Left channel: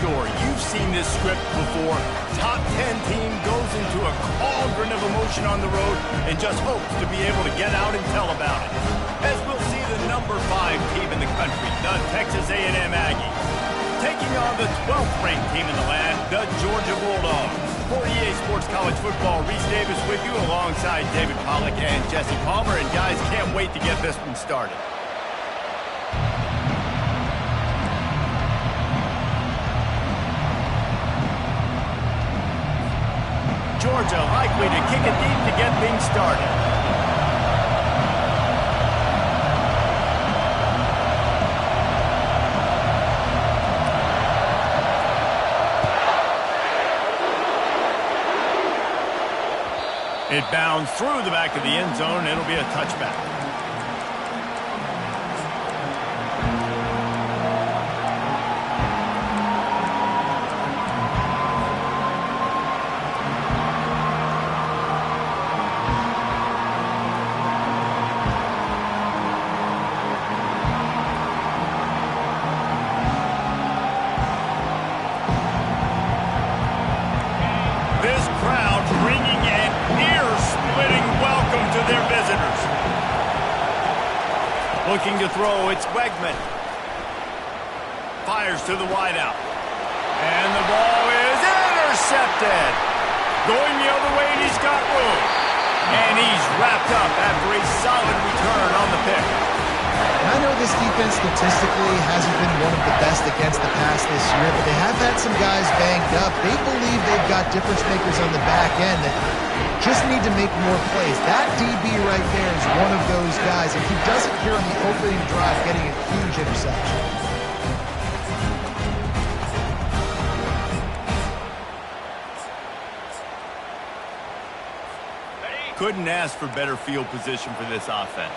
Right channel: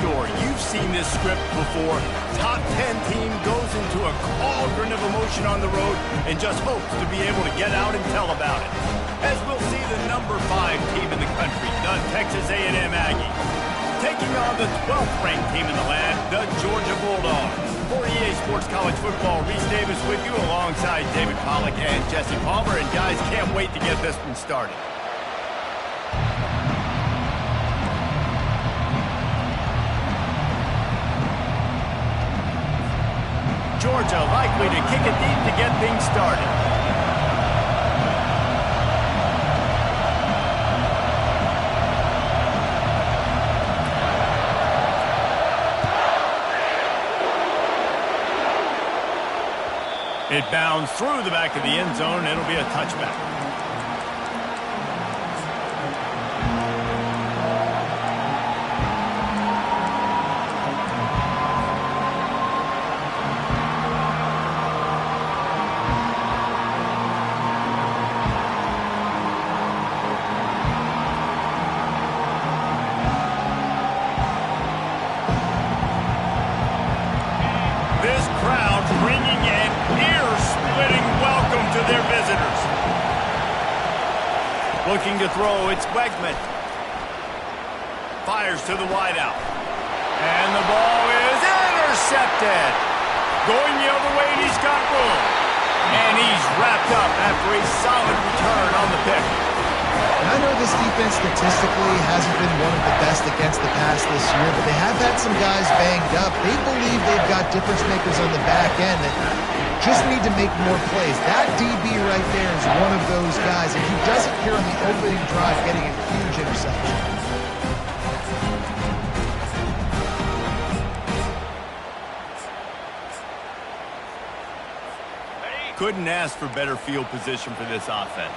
story. You've seen this script before. Top 10 team goes into a cauldron of emotion on the road and just hopes to be able to get out and tell about it. As we'll see the number 5 team in the country, the Texas A&M Aggies, taking on the 12th ranked team in the land, the Georgia Bulldogs. For EA Sports College Football, Reese Davis with you alongside David Pollack and Jesse Palmer. And guys, can't wait to get this one started. Georgia likely to kick it deep to get things started. It bounds through the back of the end zone. It'll be a touchback. This crowd bringing an ear-splitting welcome to their visitors. Looking to throw, it's Wegman. Fires to the wideout. And the ball is intercepted. Going the other way, and he's got room. And he's wrapped up after a solid return on the pick. I know this defense statistically hasn't been one of the best against the pass this year, but they have had some guys banged up. They believe they've got difference makers on the back end that just need to make more plays. That DB right there is one of those guys, and he does it here on the opening drive, getting a huge interception. Couldn't ask for better field position for this offense.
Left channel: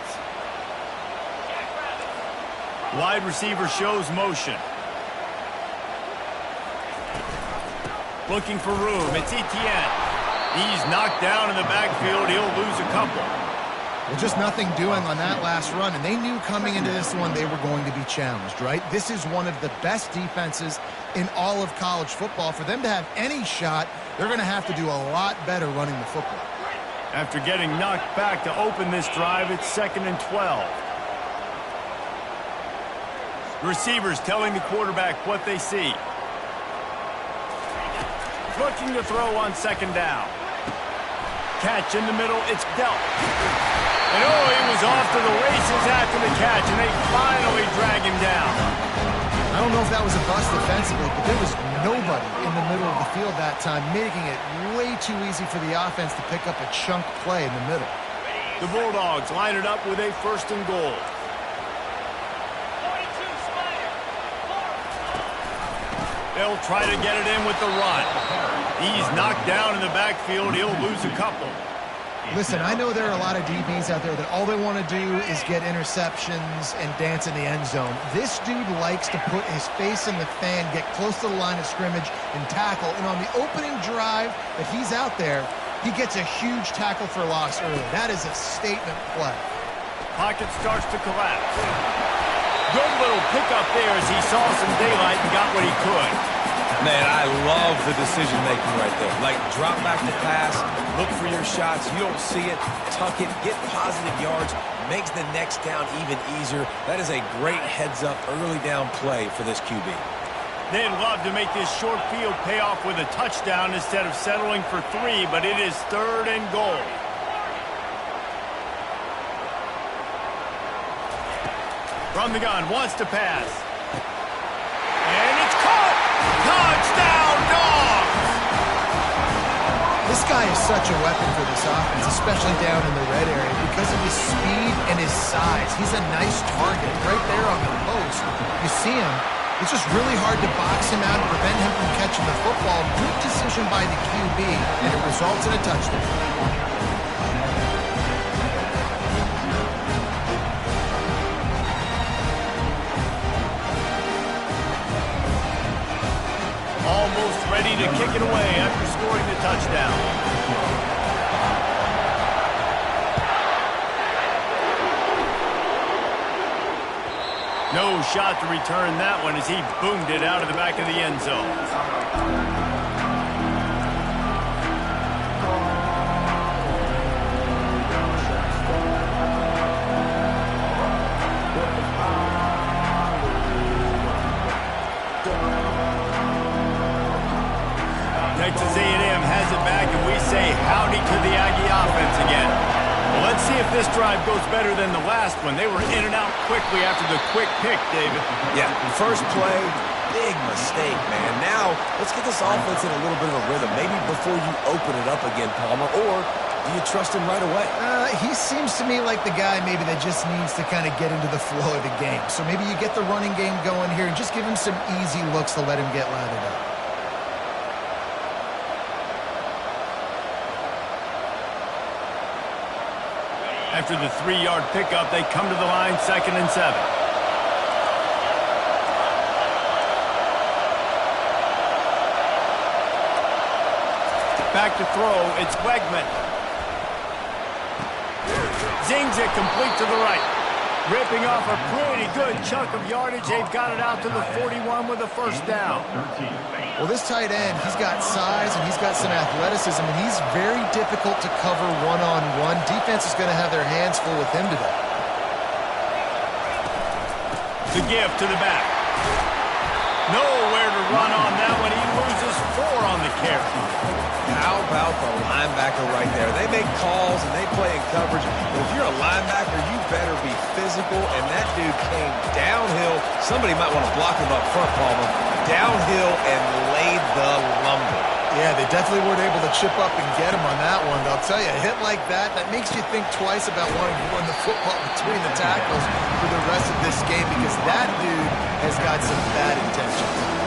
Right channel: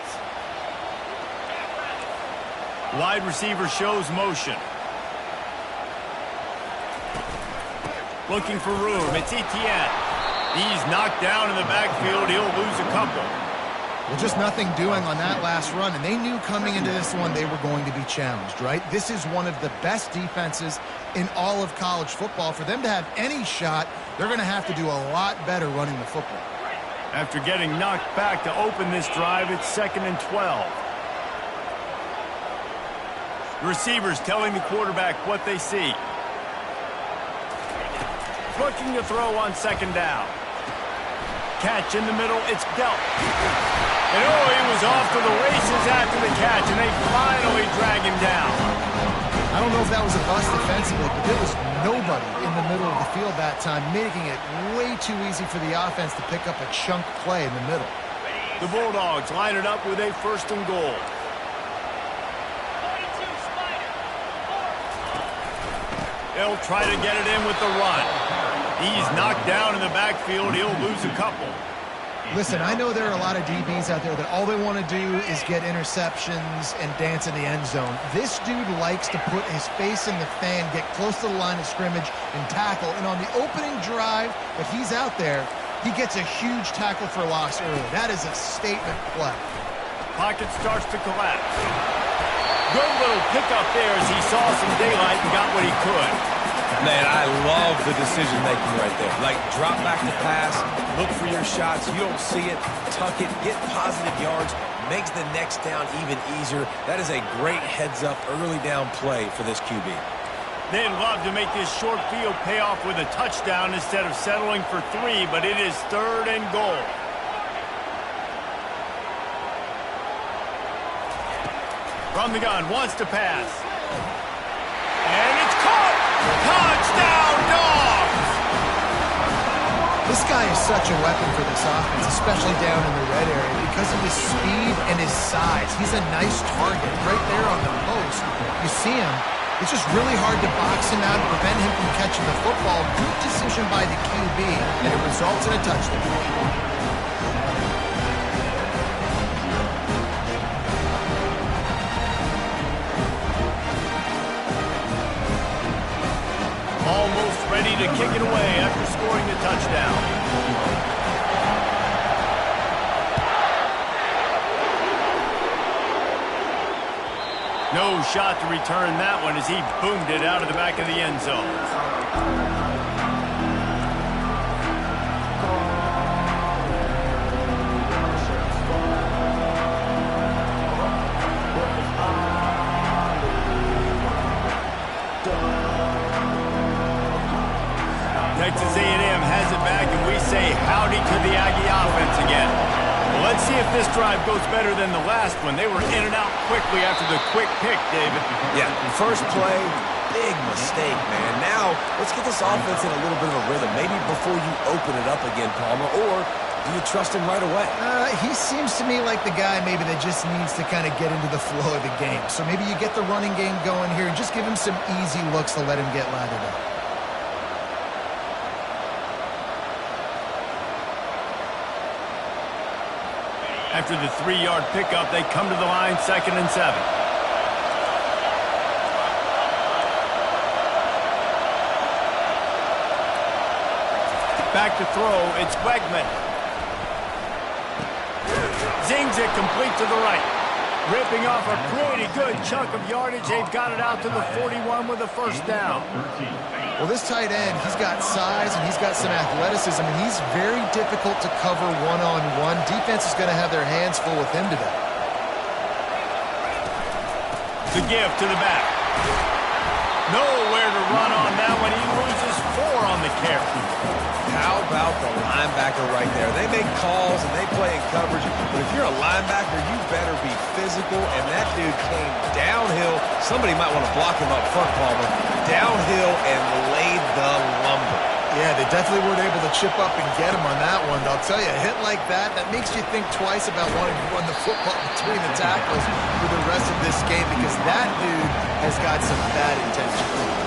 Wide receiver shows motion. Looking for room. It's Etienne. He's knocked down in the backfield. He'll lose a couple. Well, just nothing doing on that last run, and they knew coming into this one they were going to be challenged, right? This is one of the best defenses in all of college football. For them to have any shot, they're going to have to do a lot better running the football. After getting knocked back to open this drive, it's 2nd and 12. Receivers telling the quarterback what they see. Looking to throw on 2nd down. Catch in the middle, it's dealt. And oh, he was off to the races after the catch, and they finally drag him down. I don't know if that was a bust defensively, but there was nobody in the middle of the field that time, making it way too easy for the offense to pick up a chunk play in the middle. The Bulldogs line it up with a 1st and goal. They'll try to get it in with the run. He's knocked down in the backfield. He'll lose a couple. Listen, I know there are a lot of DBs out there that all they want to do is get interceptions and dance in the end zone. This dude likes to put his face in the fan, get close to the line of scrimmage, and tackle. And on the opening drive that he's out there, he gets a huge tackle for loss early. That is a statement play. Pocket starts to collapse. Good little pickup there as he saw some daylight and got what he could. Man, I love the decision-making right there. Like, drop back the pass, look for your shots. You don't see it, tuck it, get positive yards, makes the next down even easier. That is a great heads-up early down play for this QB. They'd love to make this short field pay off with a touchdown instead of settling for 3, but it is 3rd and goal. From the gun, wants to pass. And it's caught! Touchdown, Dogs! This guy is such a weapon for this offense, especially down in the red area, because of his speed and his size. He's a nice target right there on the post. You see him. It's just really hard to box him out and prevent him from catching the football. Good decision by the QB, and it results in a touchdown. Almost ready to kick it away after scoring the touchdown. No shot to return that one as he boomed it out of the back of the end zone. Texas A&M has it back, and we say howdy to the Aggie offense again. Well, let's see if this drive goes better than the last one. They were in and out quickly after the quick pick, David. Yeah, first play, big mistake, man. Now, let's get this offense in a little bit of a rhythm. Maybe before you open it up again, Palmer, or do you trust him right away? He seems to me like the guy maybe that just needs to kind of get into the flow of the game. So maybe you get the running game going here and just give him some easy looks to let him get lathered up. After the 3-yard pickup, they come to the line, 2nd and 7. Back to throw, it's Wegman. Zings it complete to the right. Ripping off a pretty good chunk of yardage. They've got it out to the 41 with a first down. Well, this tight end, he's got size and he's got some athleticism, and he's very difficult to cover one-on-one. Defense is going to have their hands full with him today. The give to the back. Nowhere to run on that one. He loses 4 on the carry. How about the linebacker right there? They make calls and they play in coverage, but if you're a linebacker, you better be physical, and that dude came downhill. Somebody might want to block him up front, Palmer. Downhill and laid the lumber. Yeah, they definitely weren't able to chip up and get him on that one. But I'll tell you, a hit like that makes you think twice about wanting to run the football between the tackles for the rest of this game, because that dude has got some bad intentions.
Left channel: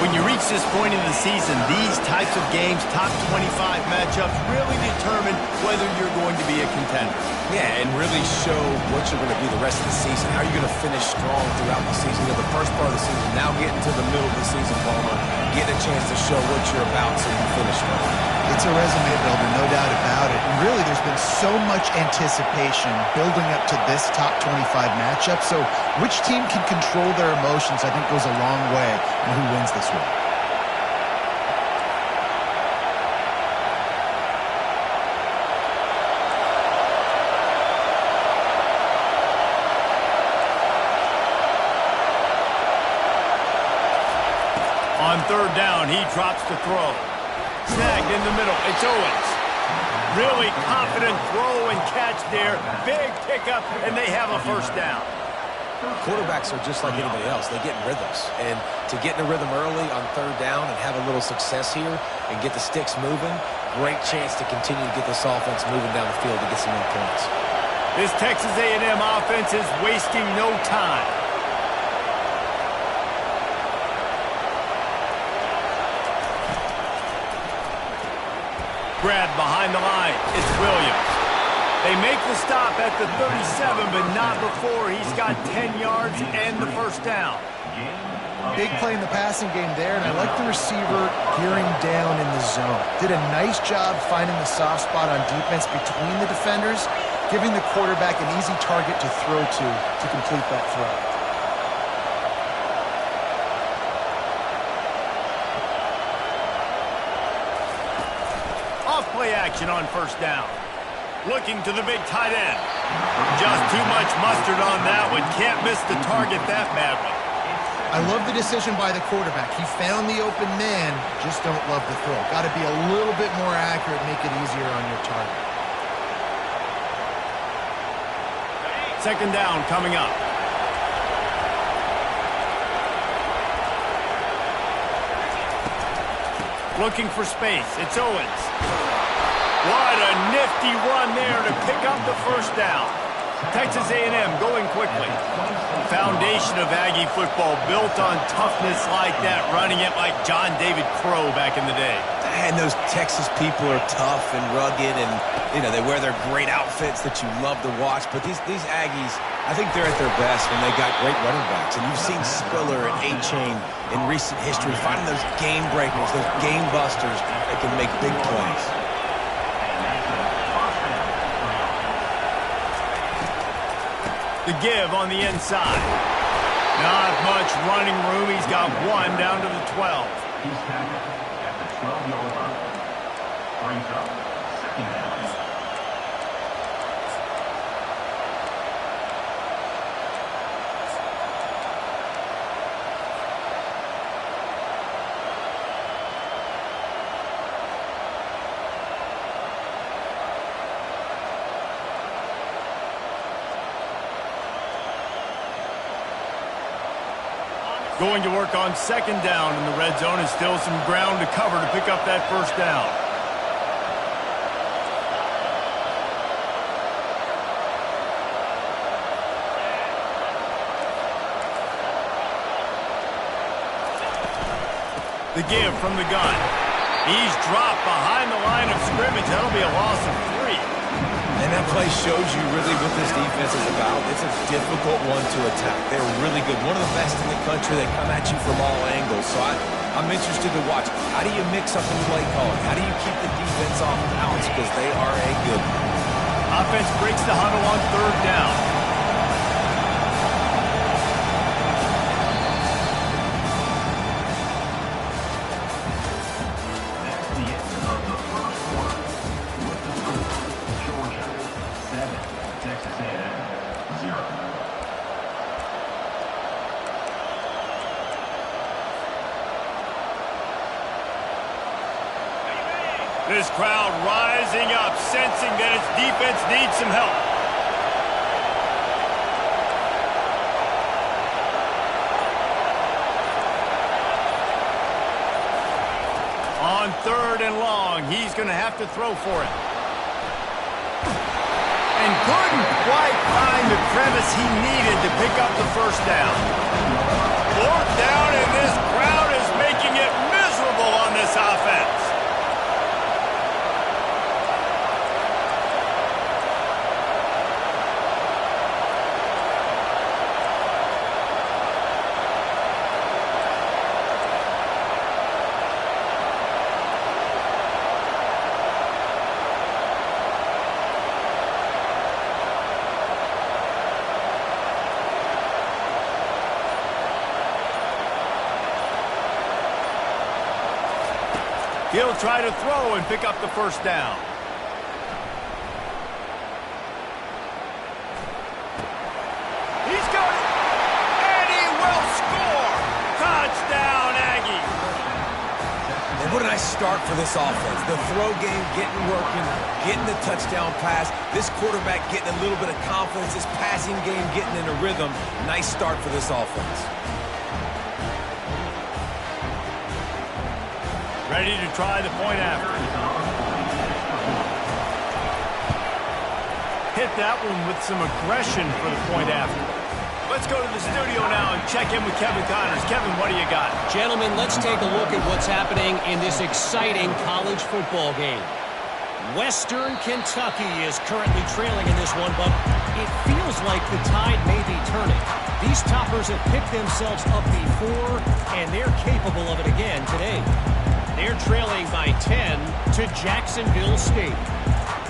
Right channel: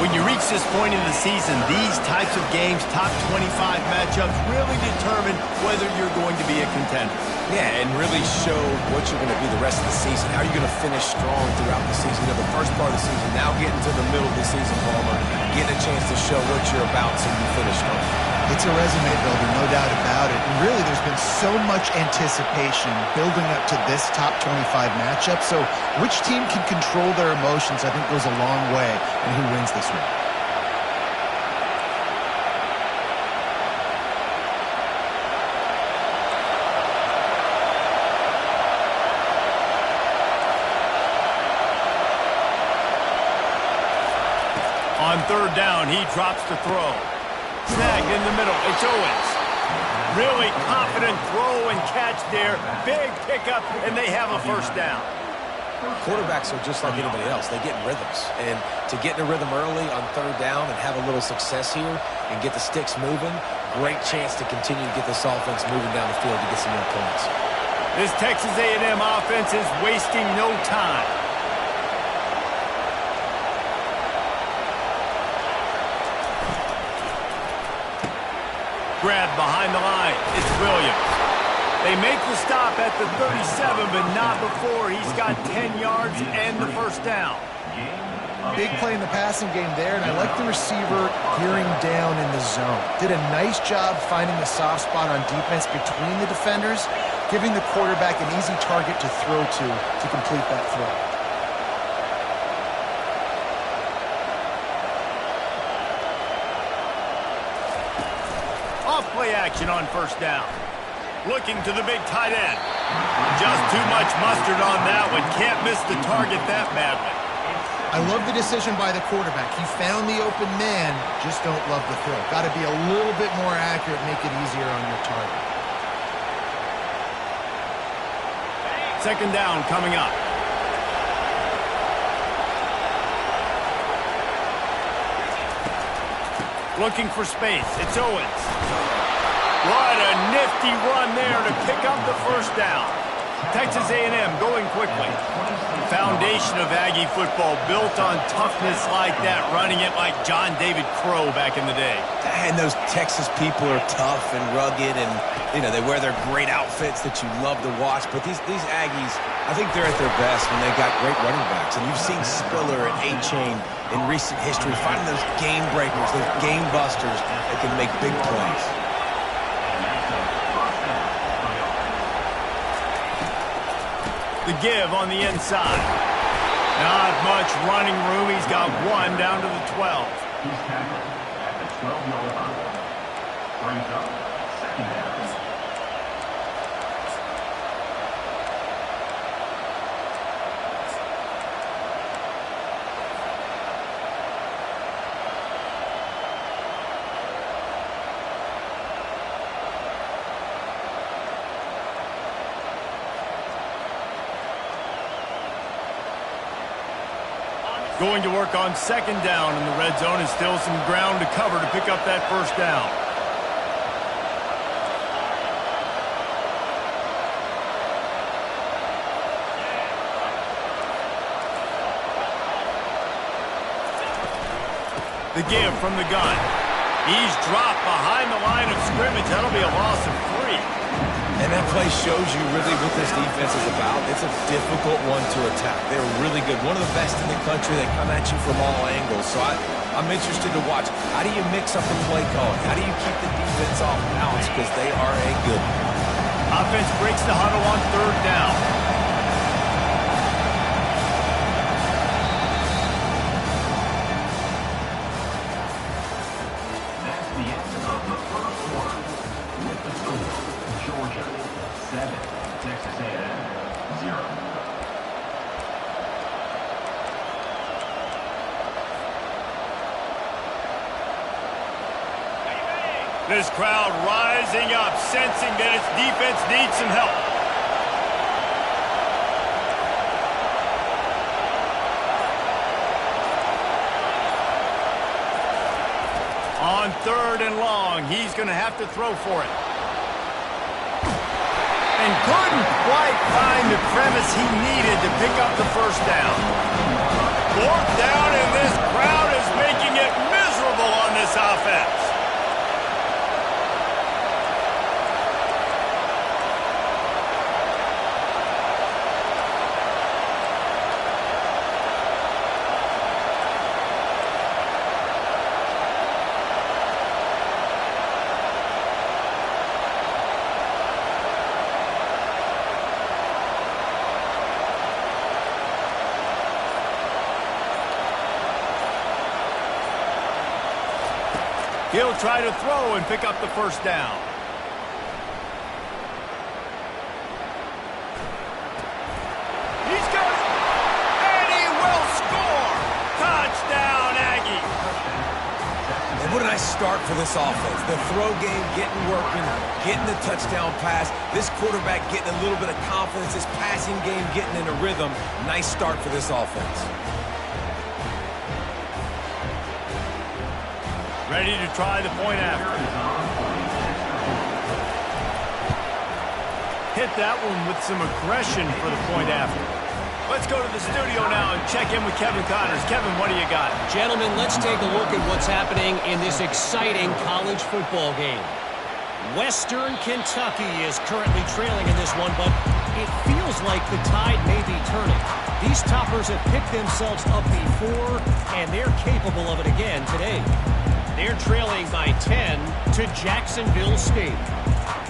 When you reach this point in the season, these types of games, top 25 matchups, really determine whether you're going to be a contender. Yeah, and really show what you're going to be the rest of the season. How are you going to finish strong throughout the season? You know, the first part of the season, now getting to the middle of the season, Palmer, getting a chance to show what you're about so you finish strong. It's a resume builder, no doubt about it. And really, there's been so much anticipation building up to this top 25 matchup. So which team can control their emotions, I think, goes a long way in who wins this one. On 3rd down, he drops to throw. Snagged in the middle. It's Owens. Really confident throw and catch there. Big pickup, and they have a first down. Quarterbacks are just like anybody else. They get in rhythms. And to get in a rhythm early on 3rd down and have a little success here and get the sticks moving, great chance to continue to get this offense moving down the field to get some more points. This Texas A&M offense is wasting no time. Grab behind the line. It's Williams. They make the stop at the 37, but not before he's got 10 yards and the first down. Big play in the passing game there, and I like the receiver gearing down in the zone. Did a nice job finding the soft spot on defense between the defenders, giving the quarterback an easy target to throw to complete that throw. Off-play action on first down. Looking to the big tight end. Just too much mustard on that one. Can't miss the target that badly. I love the decision by the quarterback. He found the open man, just don't love the throw. Got to be a little bit more accurate, make it easier on your target. 2nd down coming up. Looking for space. It's Owens. What a nifty run there to pick up the first down. Texas A&M going quickly. Foundation of Aggie football built on toughness like that, running it like John David Crow back in the day. And those Texas people are tough and rugged, and, you know, they wear their great outfits that you love to watch. But these Aggies, I think they're at their best when they've got great running backs. And you've seen Spiller and A-Chain in recent history, finding those game breakers, those game busters that can make big plays. The give on the inside. Not much running room. He's got one down to the 12. He's tackled at the 12-yard line. Brings up second down. Going to work on second down in the red zone, and still some ground to cover to pick up that first down. The give from the gun. He's dropped behind the line of scrimmage. That'll be a loss of 3. And that play shows you really what this defense is about. It's a difficult one to attack. They're really good. One of the best in the country. They come at you from all angles. So I'm interested to watch. How do you mix up the play calling? How do you keep the defense off balance? Because they are a good one. Offense breaks the huddle on third down. That's the end of the first quarter. With the score, Georgia 7, Texas A&M 0. This crowd rising up, sensing that its defense needs some help. On third and long, he's going to have to throw for it. And couldn't quite find the crevice he needed to pick up the first down. Fourth down, and this crowd is making it miserable on this offense. He'll try to throw and pick up the first down. He's got it, and he will score. Touchdown, Aggie. And what a nice start for this offense. The throw game getting working, getting the touchdown pass. This quarterback getting a little bit of confidence. This passing game getting in a rhythm. Nice start for this offense. Ready to try the point after. Hit that one with some aggression for the point after. Let's go to the studio now and check in with Kevin Connors. Kevin, what do you got? Gentlemen, let's take a look at what's happening in this exciting college football game. Western Kentucky is currently trailing in this one, but it feels like the tide may be turning. These toppers have picked themselves up before, and they're capable of it again today. They're trailing by 10 to Jacksonville State.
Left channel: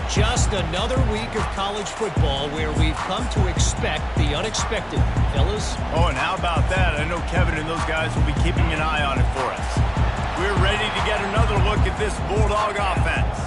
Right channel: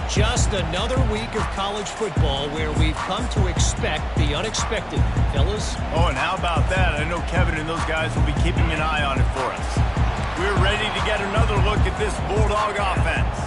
Just another week of college football where we've come to expect the unexpected. Fellas? Oh, and how about that? I know Kevin and those guys will be keeping an eye on it for us. We're ready to get another look at this Bulldog offense.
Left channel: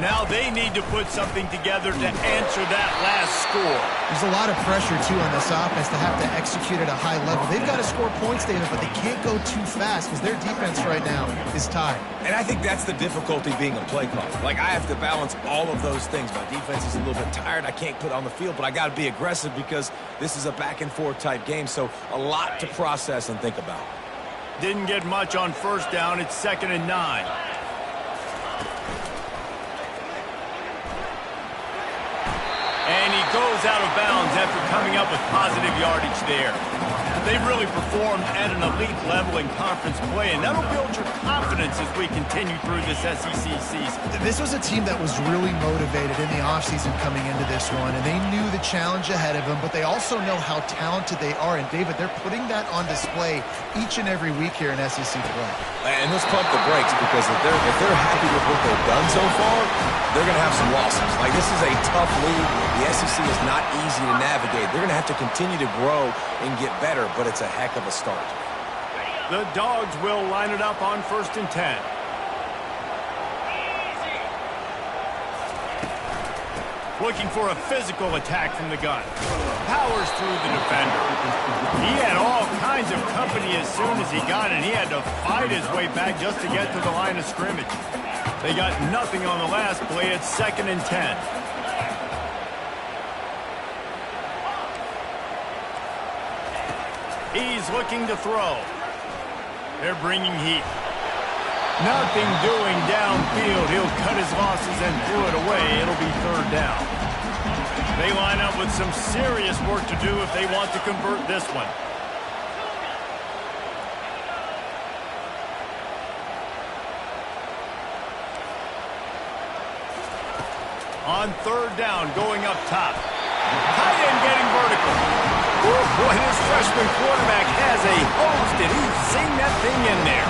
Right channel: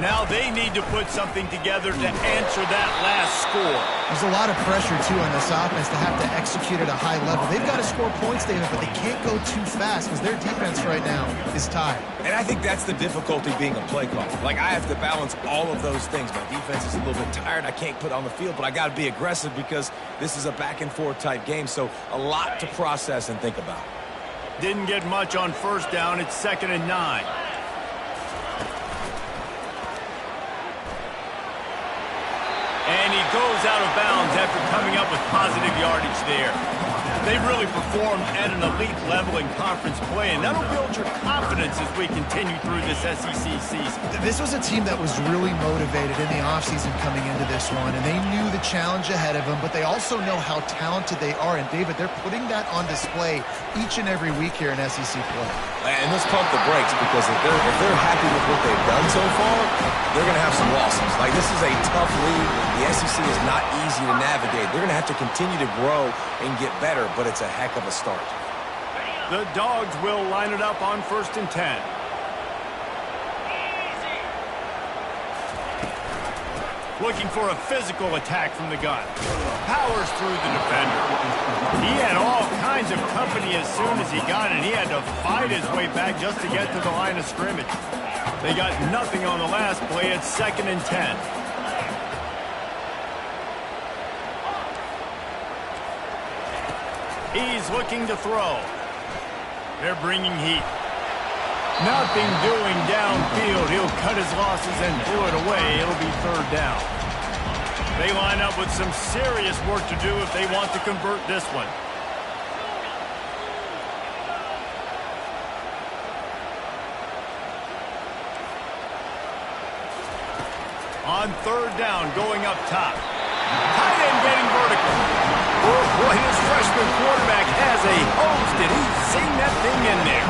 Now they need to put something together to answer that last score. There's a lot of pressure, too, on this offense to have to execute at a high level. They've got to score points, David, but they can't go too fast because their defense right now is tied. And I think that's the difficulty being a play caller. Like, I have to balance all of those things. My defense is a little bit tired. I can't put on the field, but I got to be aggressive because this is a back-and-forth type game, so a lot to process and think about. Didn't get much on first down. It's 2nd and 9. And he goes out of bounds after coming up with positive yardage there. They've really performed at an elite level in conference play, and that'll build your confidence as we continue through this SEC season. This was a team that was really motivated in the offseason coming into this one, and they knew the challenge ahead of them, but they also know how talented they are. And, David, they're putting that on display each and every week here in SEC play. And let's pump the brakes because if they're happy with what they've done so far, they're going to have some losses. Like, this is a tough league. The The SEC is not easy to navigate. They're going to have to continue to grow and get better, but it's a heck of a start. The Dogs will line it up on 1st and 10. Looking for a physical attack from the gun. Powers through the defender. He had all kinds of company as soon as he got it. He had to fight his way back just to get to the line of scrimmage. They got nothing on the last play. It's 2nd and 10. He's looking to throw. They're bringing heat. Nothing doing downfield. He'll cut his losses and throw it away. It'll be 3rd down. They line up with some serious work to do if they want to convert this one. On 3rd down, going up top. Tight end getting vertical. Oh, boy, this freshman quarterback has a hose. Did he sing that thing in there?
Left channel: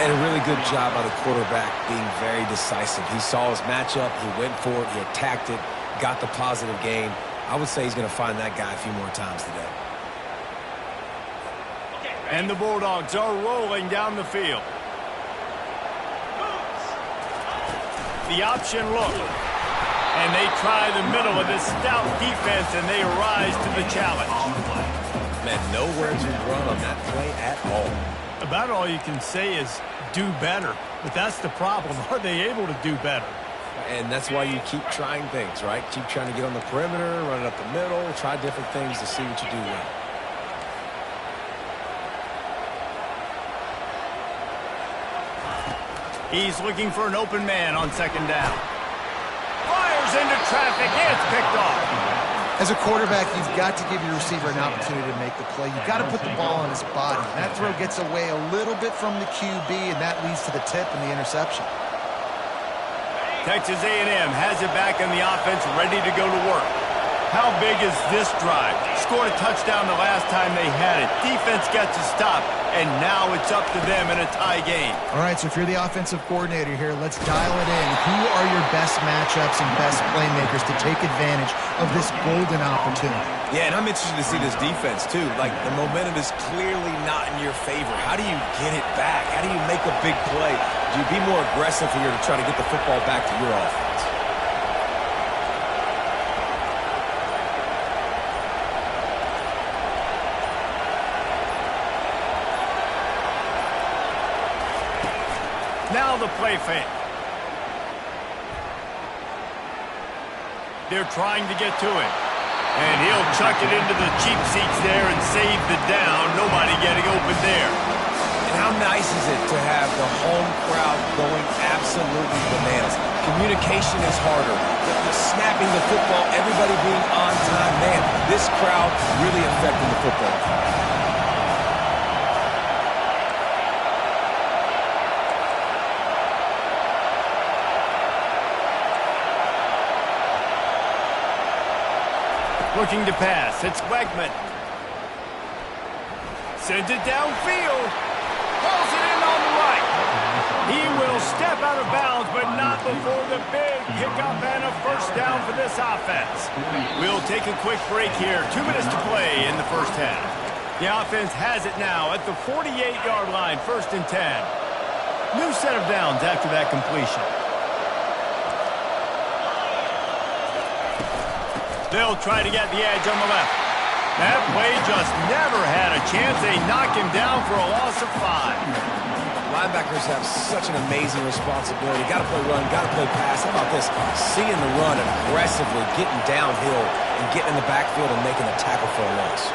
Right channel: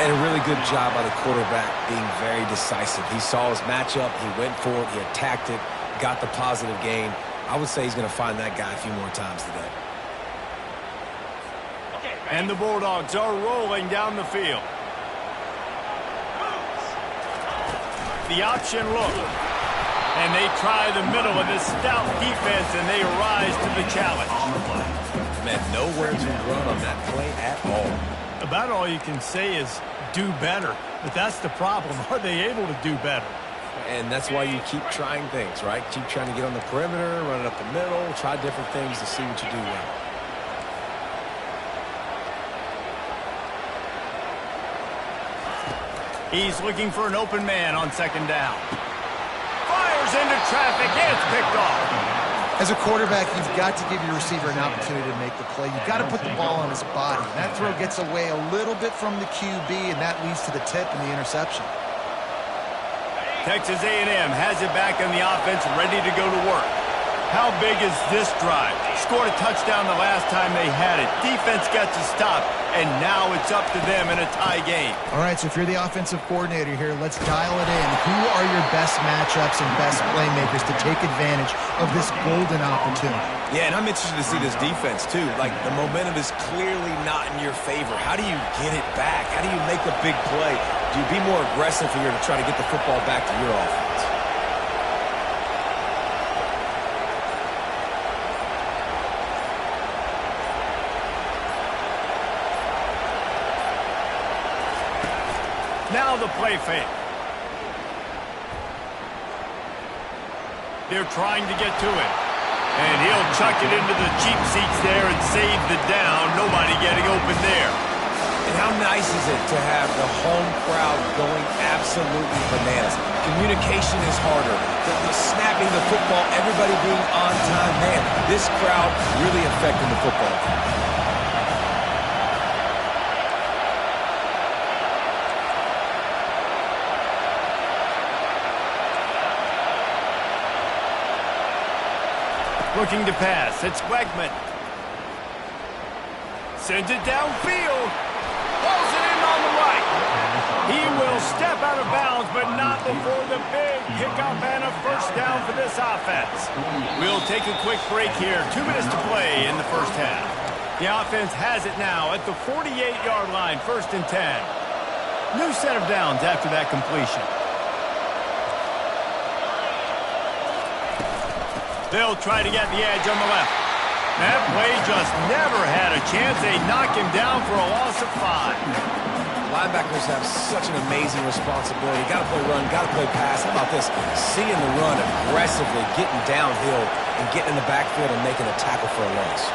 And a really good job by the quarterback being very decisive. He saw his matchup. He went for it. He attacked it, got the positive gain. I would say he's going to find that guy a few more times today. And the Bulldogs are rolling down the field. The option look. And they try the middle of this stout defense, and they rise to the challenge. Man, nowhere to run on that play at all. About all you can say is do better. But that's the problem. Are they able to do better? And that's why you keep trying things, right? Keep trying to get on the perimeter, run it up the middle, try different things to see what you do well. He's looking for an open man on 2nd down. Fires into traffic. It's picked off. As a quarterback, you've got to give your receiver an opportunity to make the play. You've got to put the ball on his body. That throw gets away a little bit from the QB, and that leads to the tip and the interception. Texas A&M has it back in the offense, ready to go to work. How big is this drive? Scored a touchdown the last time they had it. Defense gets a stop, and now it's up to them in a tie game. All right, so if you're the offensive coordinator here, let's dial it in. Who are your best matchups and best playmakers to take advantage of this golden opportunity? Yeah, and I'm interested to see this defense, too. Like, the momentum is clearly not in your favor. How do you get it back? How do you make a big play? Do you be more aggressive here to try to get the football back to your offense? Now the play fake. They're trying to get to it. And he'll chuck it into the cheap seats there and save the down. Nobody getting open there. And how nice is it to have the home crowd going absolutely bananas? Communication is harder. The snapping the football, everybody being on time. Man, this crowd really affecting the football game. Looking to pass. It's Wegman. Sends it downfield. Pulls it in on the right. He will step out of bounds, but not before the big pickup and a 1st down for this offense. We'll take a quick break here. 2 minutes to play in the 1st half. The offense has it now at the 48-yard line, 1st and 10. New set of downs after that completion. They'll try to get the edge on the left. That play just never had a chance. They knock him down for a loss of 5. Linebackers have such an amazing responsibility. Got to play run, got to play pass. How about this? Seeing the run aggressively, getting downhill, and getting in the backfield and making a tackle for a loss.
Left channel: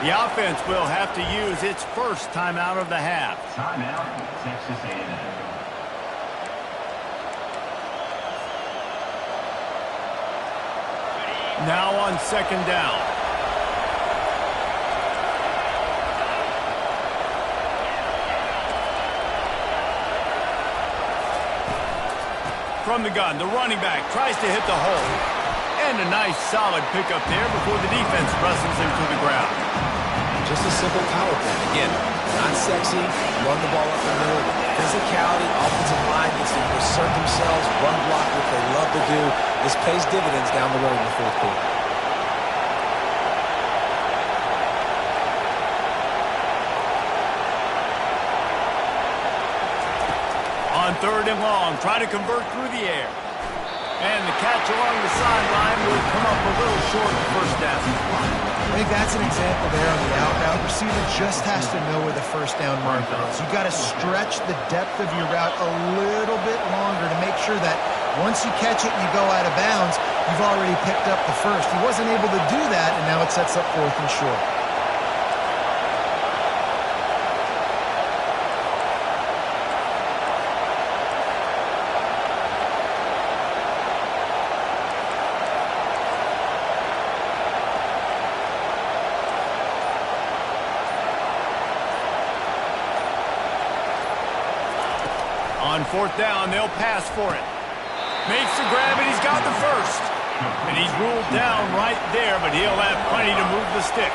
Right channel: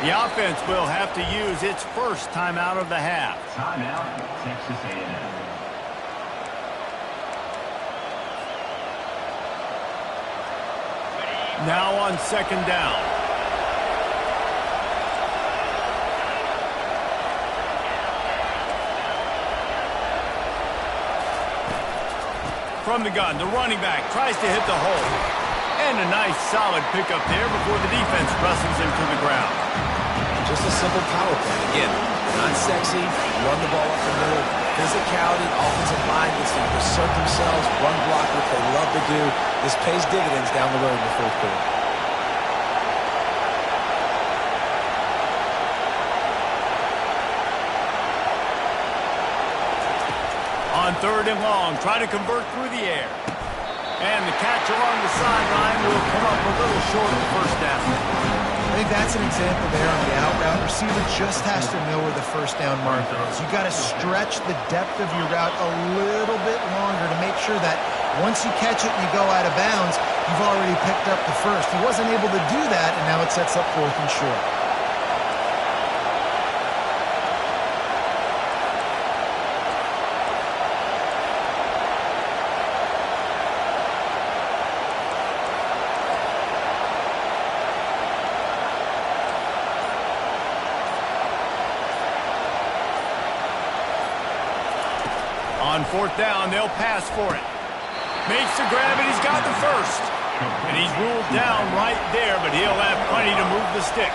The offense will have to use its first timeout of the half. Timeout, Texas A&M. Now on 2nd down. From the gun, the running back tries to hit the hole. And a nice solid pickup there before the defense wrestles him to the ground. Just a simple power play. Again, the Not sexy, run the ball up the middle. Physicality, offensive line gets to assert themselves, run block, what they love to do. This pays dividends down the road in the fourth quarter. On 3rd and long, try to convert through the air. And the catch along the sideline will come up a little short of first down. I think that's an example there on the out route. Receiver just has to know where the first down marker is. You got to stretch the depth of your route a little bit longer to make sure that once you catch it and you go out of bounds, you've already picked up the first. He wasn't able to do that, and now it sets up 4th and short. On 4th down, they'll pass for it. Makes the grab, and he's got the first. And he's ruled down right there, but he'll have plenty to move the sticks.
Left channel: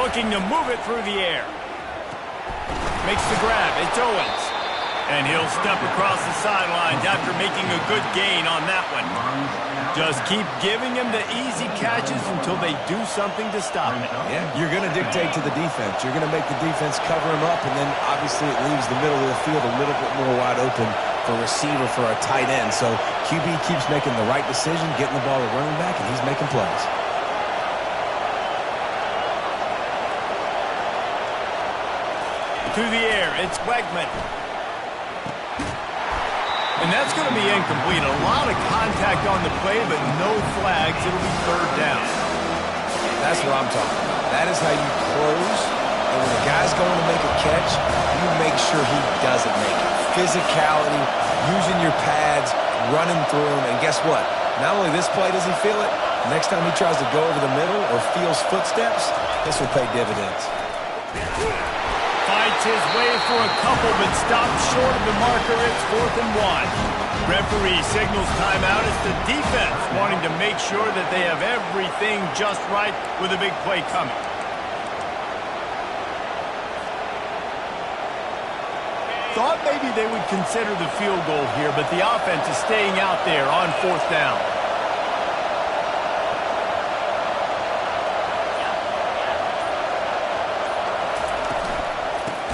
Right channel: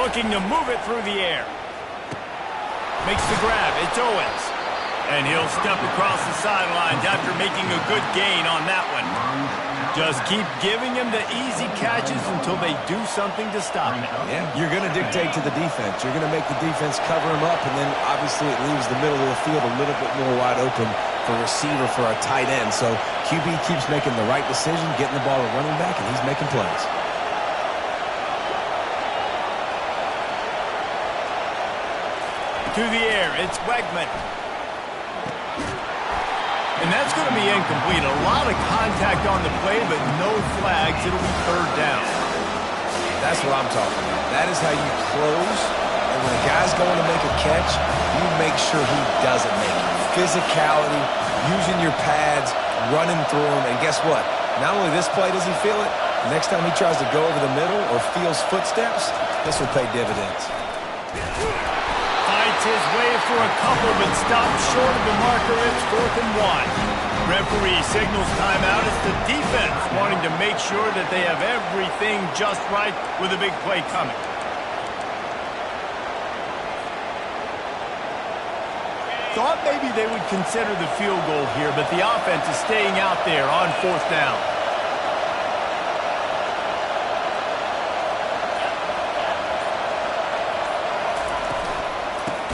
Looking to move it through the air. Makes the grab. It's Owens. And he'll step across the sidelines after making a good gain on that one. Just keep giving him the easy catches until they do something to stop it. Yeah, you're going to dictate to the defense. You're going to make the defense cover him up, and then obviously it leaves the middle of the field a little bit more wide open for receiver for a tight end. So QB keeps making the right decision, getting the ball to running back, and he's making plays. To the air, it's Wegman. And that's going to be incomplete. A lot of contact on the play, but no flags. It'll be 3rd down. That's what I'm talking about. That is how you close. And when a guy's going to make a catch, you make sure he doesn't make it. Physicality, using your pads, running through them. And guess what? Not only this play does he feel it, next time he tries to go over the middle or feels footsteps, this will pay dividends. Fights his way for a couple, but stops short of the marker. It's 4th and 1. Referee signals timeout. It's the defense wanting to make sure that they have everything just right with a big play coming. Thought maybe they would consider the field goal here, but the offense is staying out there on 4th down.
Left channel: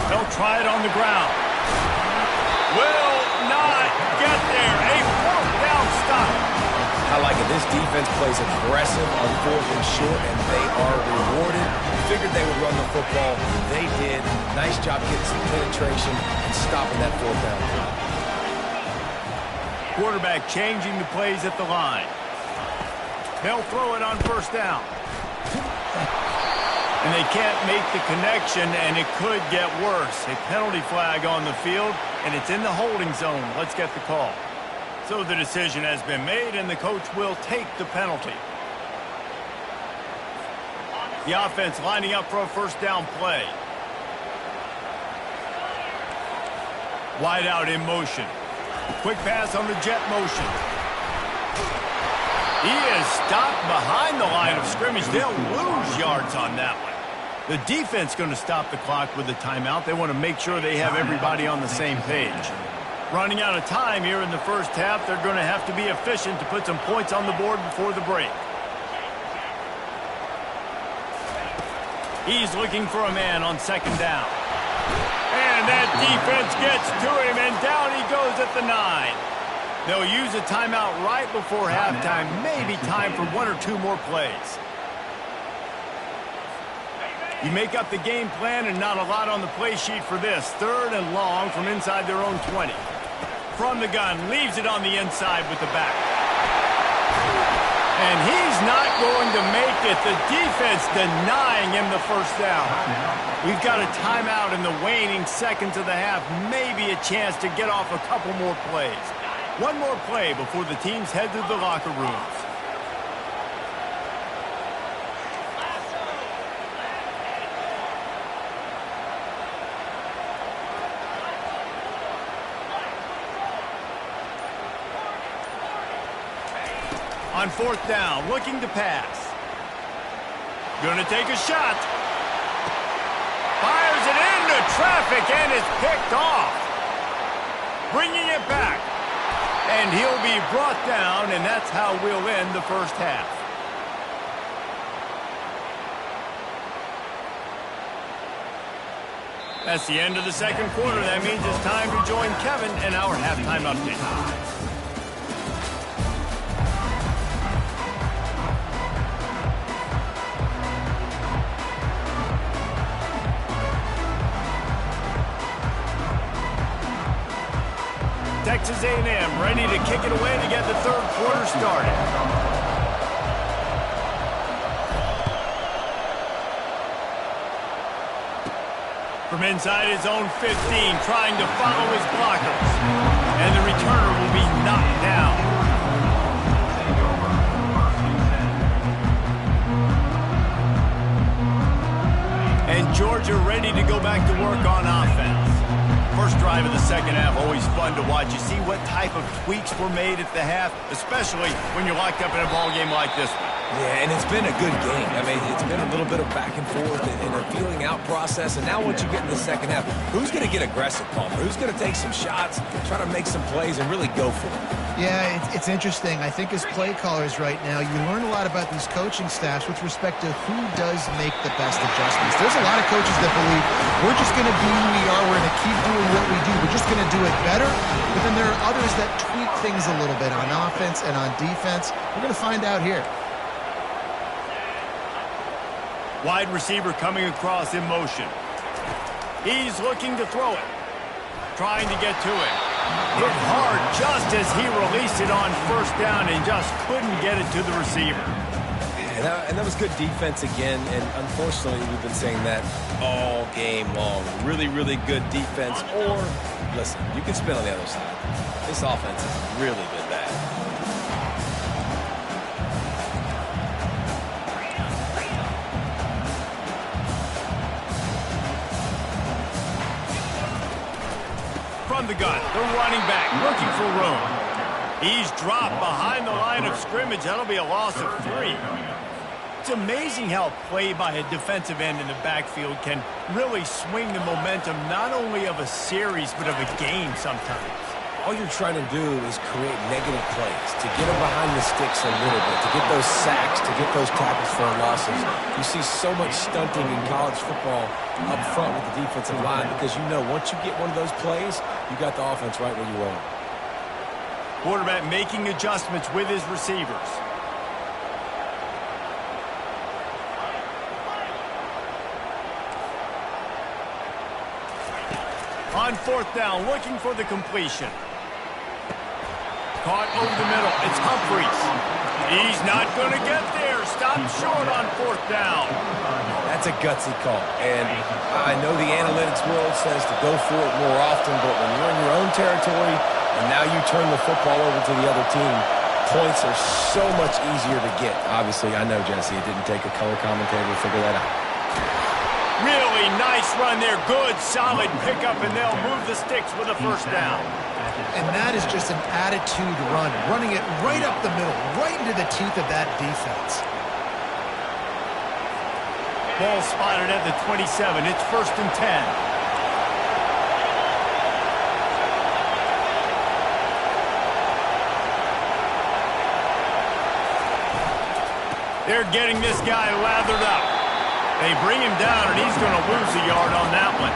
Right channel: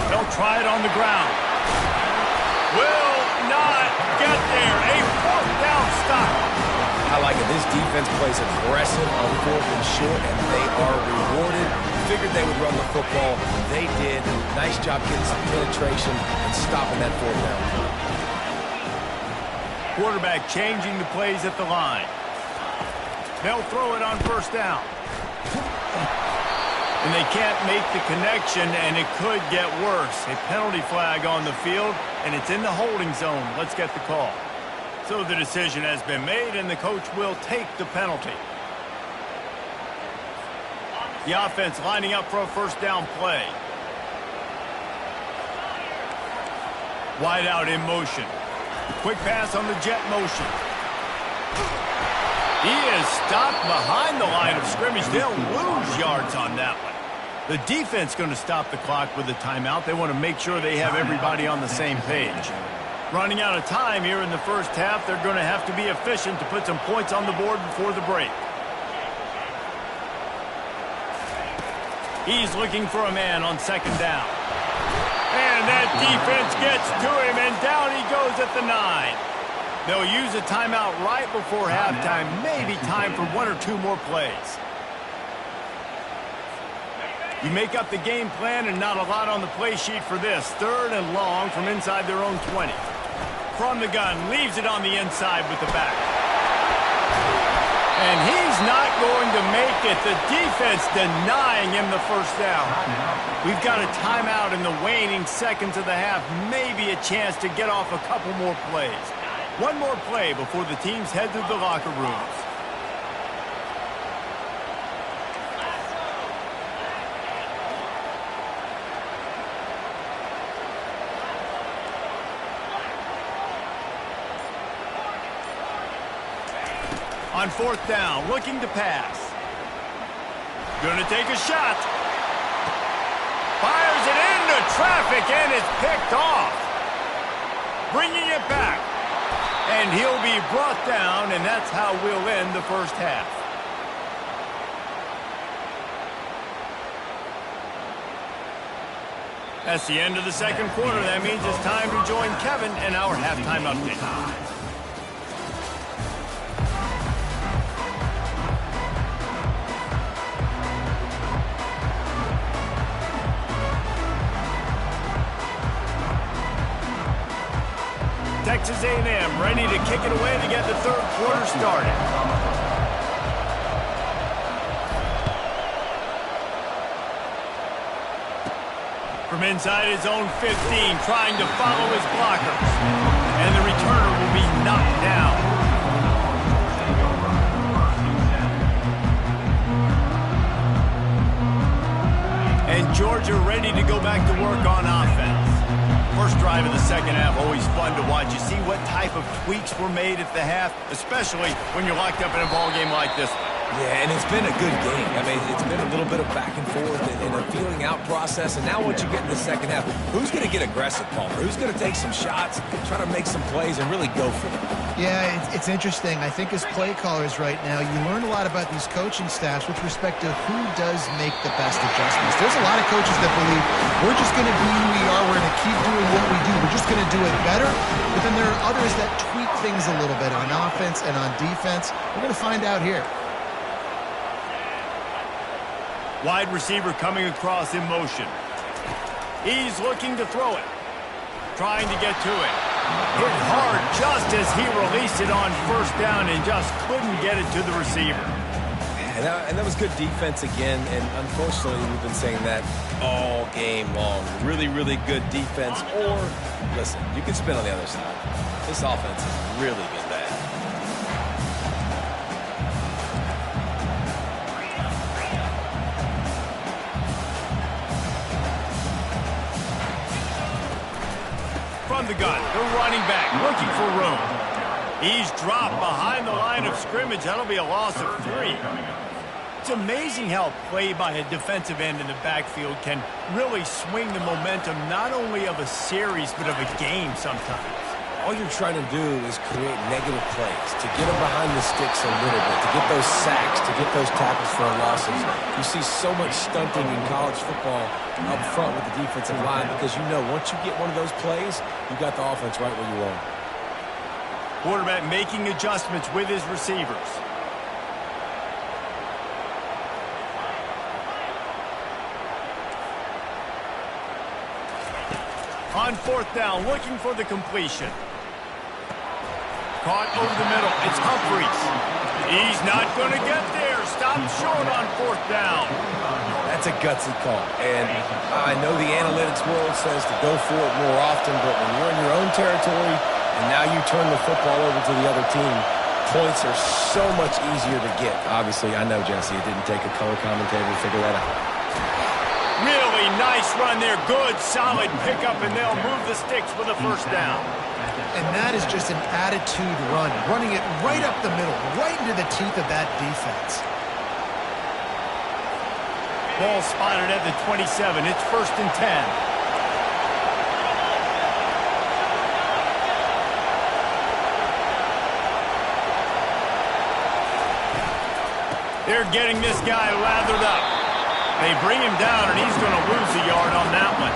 They'll try it on the ground. Will not get there. A 4th down stop. I like it. This defense plays aggressive on 4th and short, and they are rewarded. Figured they would run the football. They did. Nice job getting some penetration and stopping that 4th down. Quarterback changing the plays at the line. They'll throw it on 1st down. And they can't make the connection, and it could get worse. A penalty flag on the field, and it's in the holding zone. Let's get the call. So the decision has been made, and the coach will take the penalty. The offense lining up for a 1st down play. Wide out in motion. Quick pass on the jet motion. He is stopped behind the line of scrimmage. They'll lose yards on that one. The defense going to stop the clock with a timeout. They want to make sure they have everybody on the same page. Running out of time here in the first half. They're going to have to be efficient to put some points on the board before the break. He's looking for a man on 2nd down. And that defense gets to him, and down he goes at the 9. They'll use a timeout right before halftime. Maybe time for 1 or 2 more plays. You make up the game plan, and not a lot on the play sheet for this. 3rd and long from inside their own 20. From the gun, leaves it on the inside with the back. And he's not going to make it. The defense denying him the 1st down. We've got a timeout in the waning seconds of the half. Maybe a chance to get off a couple more plays. 1 more play before the teams head to the locker rooms. On 4th down, looking to pass. Gonna take a shot. Fires it into traffic and is picked off. Bringing it back. And he'll be brought down, and that's how we'll end the first half. That's the end of the second quarter. That means it's time to join Kevin in our halftime update. Texas A&M ready to kick it away to get the third quarter started. From inside his own 15, trying to follow his blockers. And the returner will be knocked down. And Georgia ready to go back to work on offense. First drive of the second half, always fun to watch. You see what type of tweaks were made at the half, especially when you're locked up in a ball game like this one. Yeah, and it's been a good game. I mean, it's been a little bit of back and forth and a feeling out process. And now once you get in the second half, who's going to get aggressive, Palmer? Who's going to take some shots, try to make some plays, and really go for it? Yeah, it's interesting. I think as play callers right now, you learn a lot about these coaching staffs with respect to who does make the best adjustments. There's a lot of coaches that believe we're just going to be who we are. We're going to keep doing what we do. We're just going to do it better. But then there are others that tweak things a little bit on offense and on defense. We're going to find out here. Wide receiver coming across in motion. He's looking to throw it. Trying to get to it. Hit hard just as he released it on first down and just couldn't get it to the receiver. And that was good defense again, and unfortunately we've been saying that all game long. Really, really good defense, or, listen, you can spin on the other side. This offense has really been bad. From the gun, the running back looking for room. He's dropped behind the line of scrimmage. That'll be a loss of 3. It's amazing how play by a defensive end in the backfield can really swing the momentum not only of a series but of a game sometimes. All you're trying to do is create negative plays, to get them behind the sticks a little bit, to get those sacks, to get those tackles for losses. You see so much stunting in college football up front with the defensive line because you know once you get one of those plays, you got the offense right where you want it. Quarterback making adjustments with his receivers. On 4th down, looking for the completion. Caught over the middle. It's Humphreys. He's not going to get there. Stopped short on 4th down. That's a gutsy call. And I know the analytics world says to go for it more often, but when you're in your own territory and now you turn the football over to the other team, points are so much easier to get. Obviously, I know, Jesse, it didn't take a color commentator to figure that out. Really nice run there. Good, solid pickup, and they'll move the sticks with a first down. And that is just an attitude run, running it right up the middle, right into the teeth of that defense. Ball spotted at the 27. It's 1st and 10. They're getting this guy lathered up. They bring him down, and he's going to lose a yard on that one.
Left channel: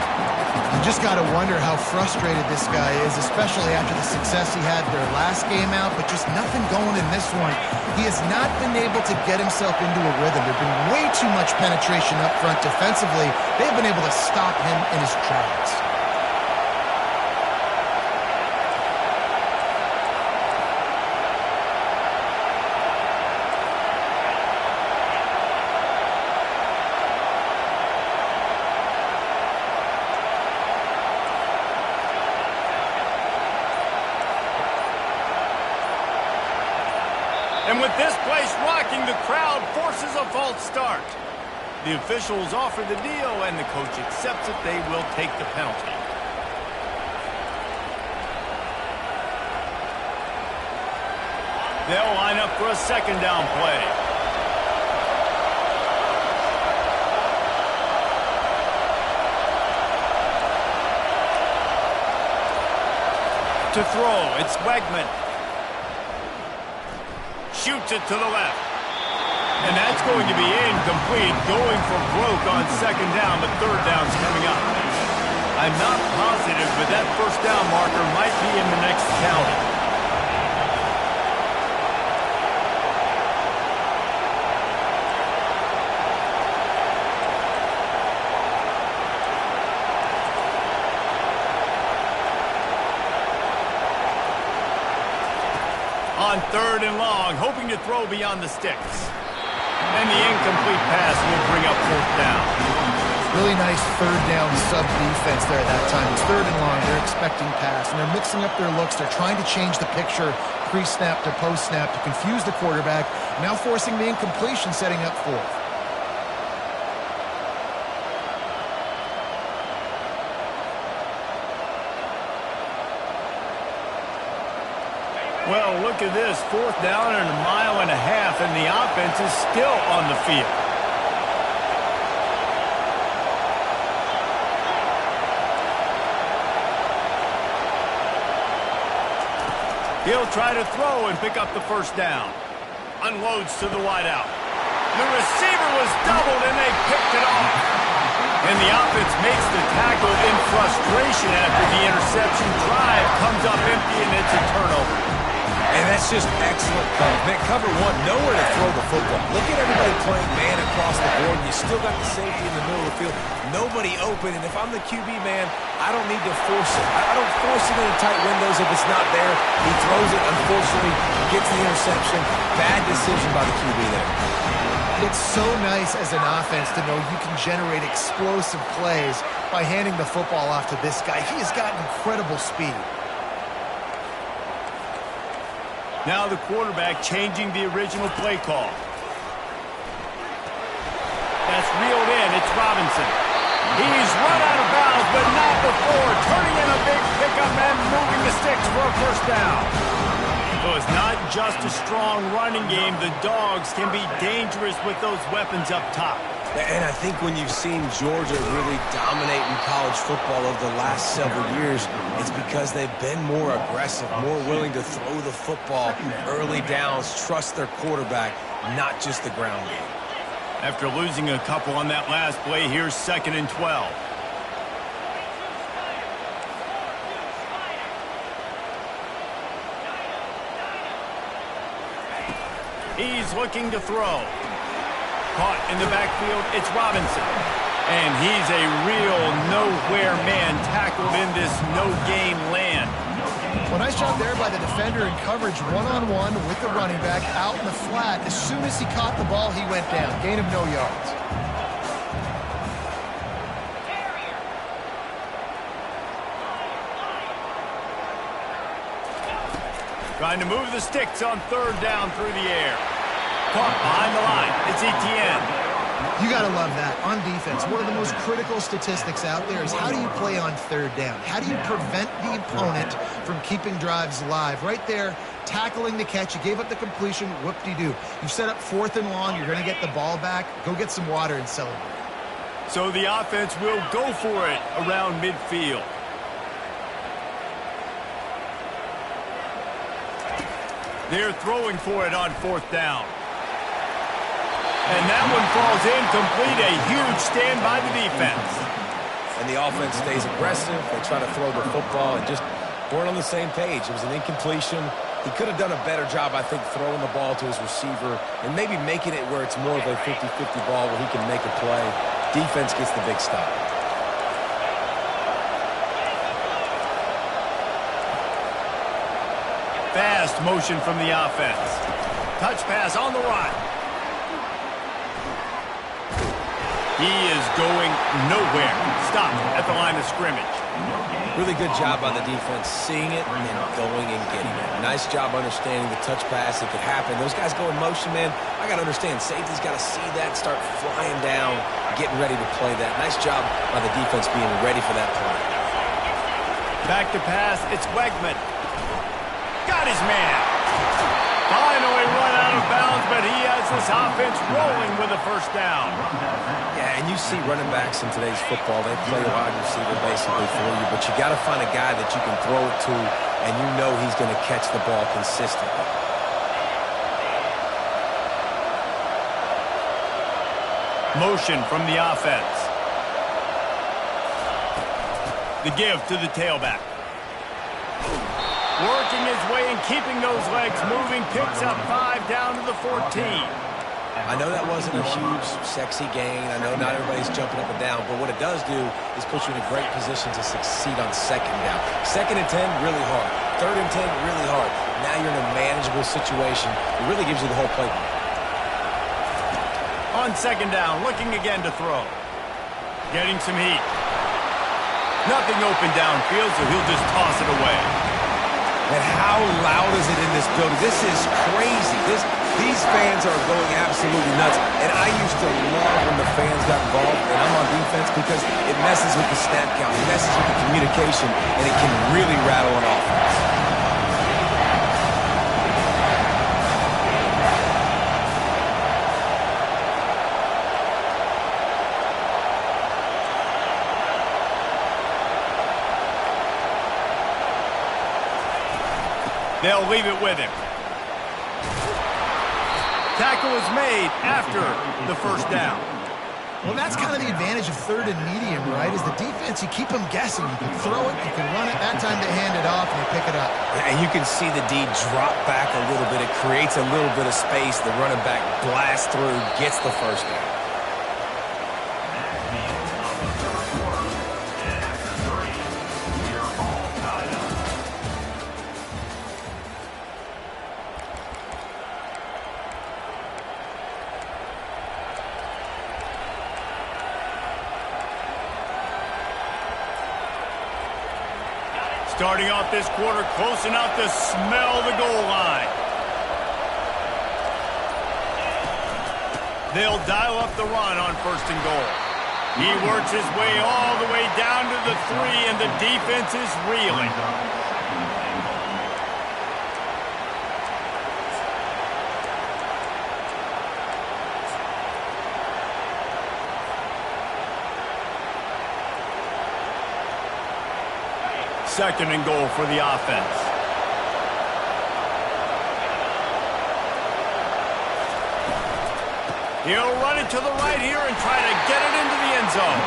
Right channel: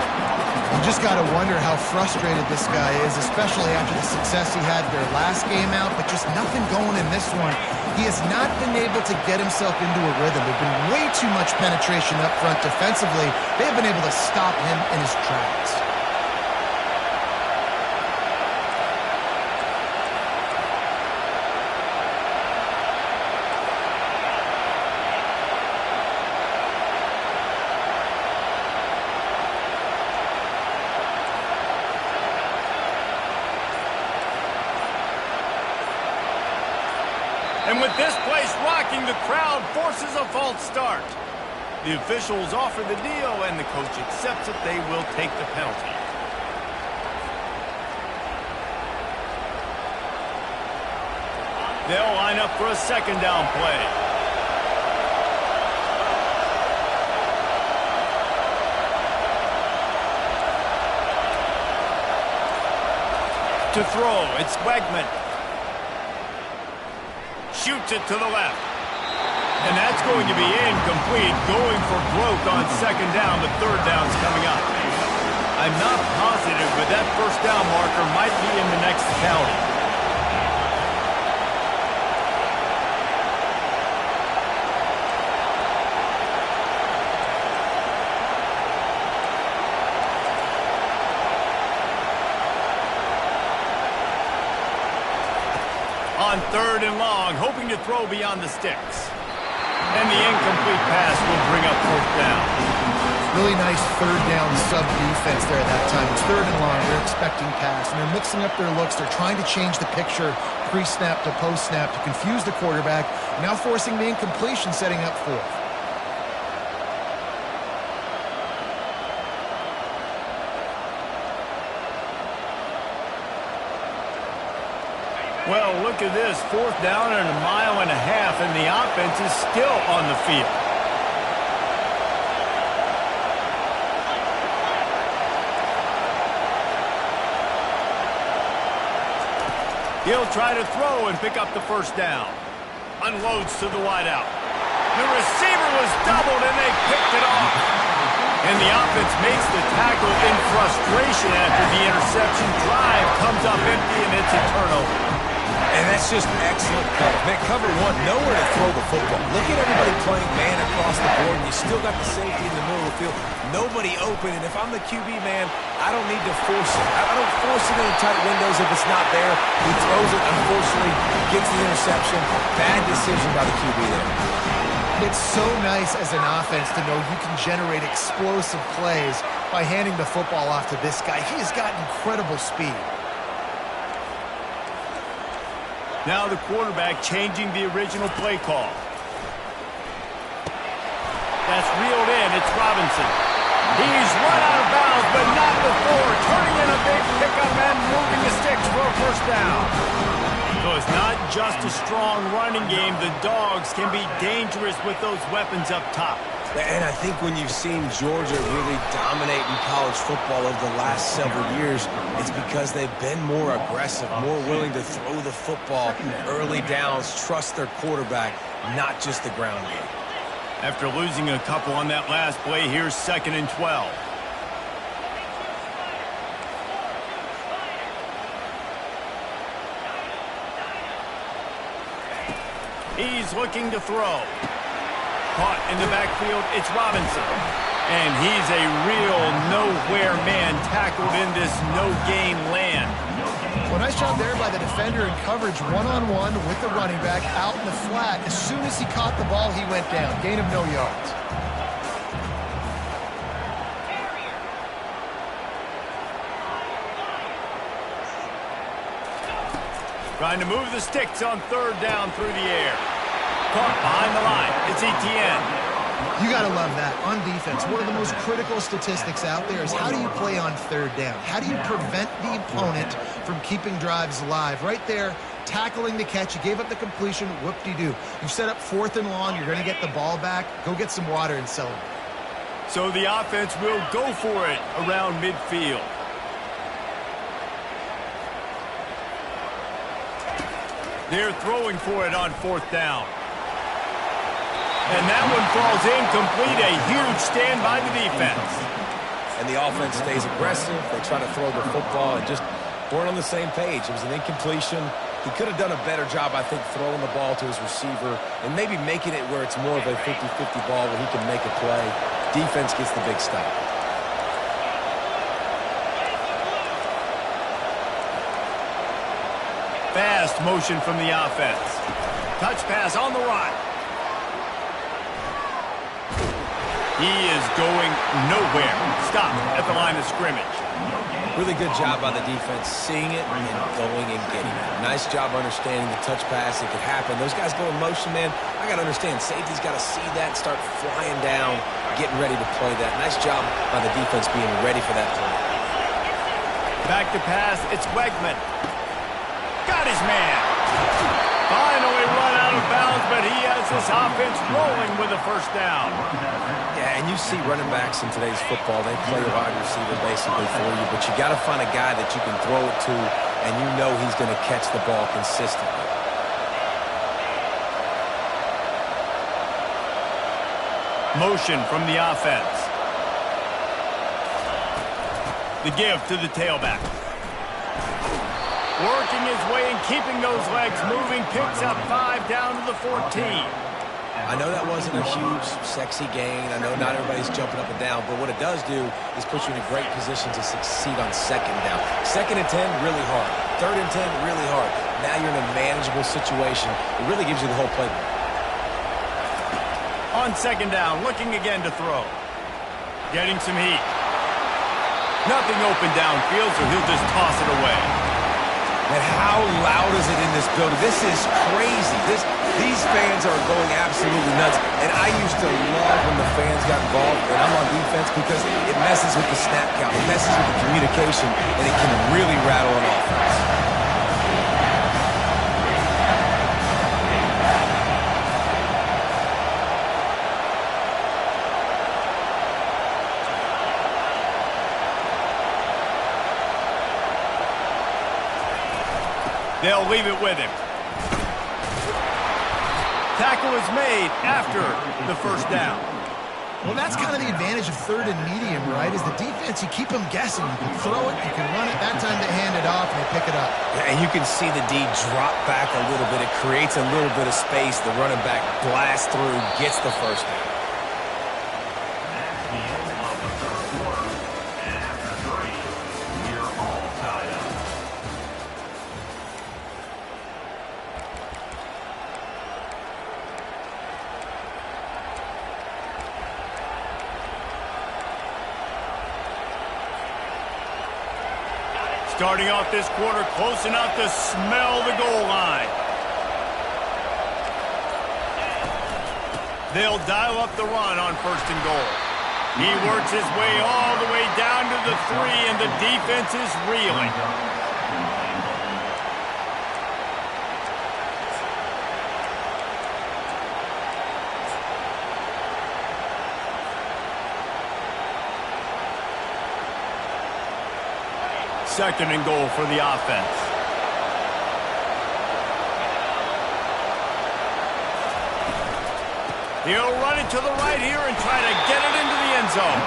You just got to wonder how frustrated this guy is, especially after the success he had their last game out, but just nothing going in this one. He has not been able to get himself into a rhythm. There's been way too much penetration up front defensively. They have been able to stop him in his tracks. And with this place rocking, the crowd forces a false start. The officials offer the deal, and the coach accepts it. They will take the penalty. They'll line up for a second down play. To throw, it's Wegman. Shoots it to the left. And that's going to be incomplete, going for broke on second down, but third down's coming up. I'm not positive, but that first down marker might be in the next county. On third and long, hoping to throw beyond the sticks. And the incomplete pass will bring up fourth down. Really nice third down sub-defense there at that time. It's third and long. They're expecting pass, and they're mixing up their looks. They're trying to change the picture pre-snap to post-snap to confuse the quarterback, now forcing the incompletion, setting up fourth. Well, look at this. Fourth down and a mile and a half, and the offense is still on the field. He'll try to throw and pick up the first down. Unloads to the wideout. The receiver was doubled, and they picked it off. And the offense makes the tackle in frustration after the interception. Drive comes up empty, and it's a turnover. And that's just excellent cover. Man, cover one, nowhere to throw the football. Look at everybody playing man across the board, and you still got the safety in the middle of the field. Nobody open, and if I'm the QB, man, I don't need to force it. I don't force it into tight windows if it's not there. He throws it, unfortunately, gets the interception. Bad decision by the QB there. It's so nice as an offense to know you can generate explosive plays by handing the football off to this guy. He has got incredible speed. Now the quarterback changing the original play call. That's reeled in. It's Robinson. He's run out of bounds, but not before. Turning in a big pickup and moving the sticks for a first down. So it's not just a strong running game. The Dogs can be dangerous with those weapons up top. And I think when you've seen Georgia really dominate in college football over the last several years, it's because they've been more aggressive, more willing to throw the football early downs, trust their quarterback, not just the ground game. After losing a couple on that last play, here's 2nd and 12. He's looking to throw. Caught in the backfield, it's Robinson. And he's a real nowhere man tackled in this no-gain land. Well, nice job there by the defender in coverage one-on-one with the running back out in the flat. As soon as he caught the ball, he went down. Gain of no yards. Trying to move the sticks on third down through the air. Caught behind the line. It's Etienne. You got to love that. On defense, one of the most critical statistics out there is how do you play on third down? How do you prevent the opponent from keeping drives alive? Right there, tackling the catch. You gave up the completion. Whoop-de-doo. You've set up 4th and long. You're going to get the ball back. Go get some water and celebrate. So the offense will go for it around midfield. They're throwing for it on 4th down. And that one falls incomplete. A huge stand by the defense. And the offense stays aggressive. They try to throw the football and just weren't on the same page. It was an incompletion. He could have done a better job, I think, throwing the ball to his receiver and maybe making it where it's more of a 50-50 ball where he can make a play. Defense gets the big stop. Fast motion from the offense. Touch pass on the run. He is going nowhere. Stop at the line of scrimmage. Really good job by the defense, seeing it and going and getting it. Nice job understanding the touch pass. It could happen. Those guys go in motion, man. I got to understand. Safety's got to see that and start flying down, getting ready to play that. Nice job by the defense being ready for that play. Back to pass. It's Wegman. Got his man. Finally run out of bounds, but he has this offense rolling with a first down. Yeah, and you see running backs in today's football, they play wide receiver basically for you, but you got to find a guy that you can throw it to, and you know he's going to catch the ball consistently. Motion from the offense. The give to the tailback. Working his way and keeping those legs moving. Picks up 5 down to the 14. I know that wasn't a huge, sexy gain. I know not everybody's jumping up and down, but what it does do is put you in a great position to succeed on second down. 2nd and 10, really hard. 3rd and 10, really hard. Now you're in a manageable situation. It really gives you the whole playbook. On 2nd down, looking again to throw. Getting some heat. Nothing open downfield, so he'll just toss it away. And how loud is it in this building? This is crazy. These fans are going absolutely nuts. And I used to love when the fans got involved, and I'm on defense, because it messes with the snap count. It messes with the communication, and it can really rattle an offense. They'll leave it with him. Tackle is made after the first down. Well, that's kind of the advantage of 3rd and medium, right? Is the defense, you keep them guessing. You can throw it, you can run it. That time they hand it off and they pick it up. And you can see the D drop back a little bit. It creates a little bit of space. The running back blasts through, gets the first down. That's the end of the third quarter. And after 3, we're all tied up. Starting off this quarter close enough to smell the goal line. They'll dial up the run on 1st and goal. He works his way all the way down to the 3, and the defense is reeling. Second and goal for the offense. He'll run it to the right here and try to get it into the end zone.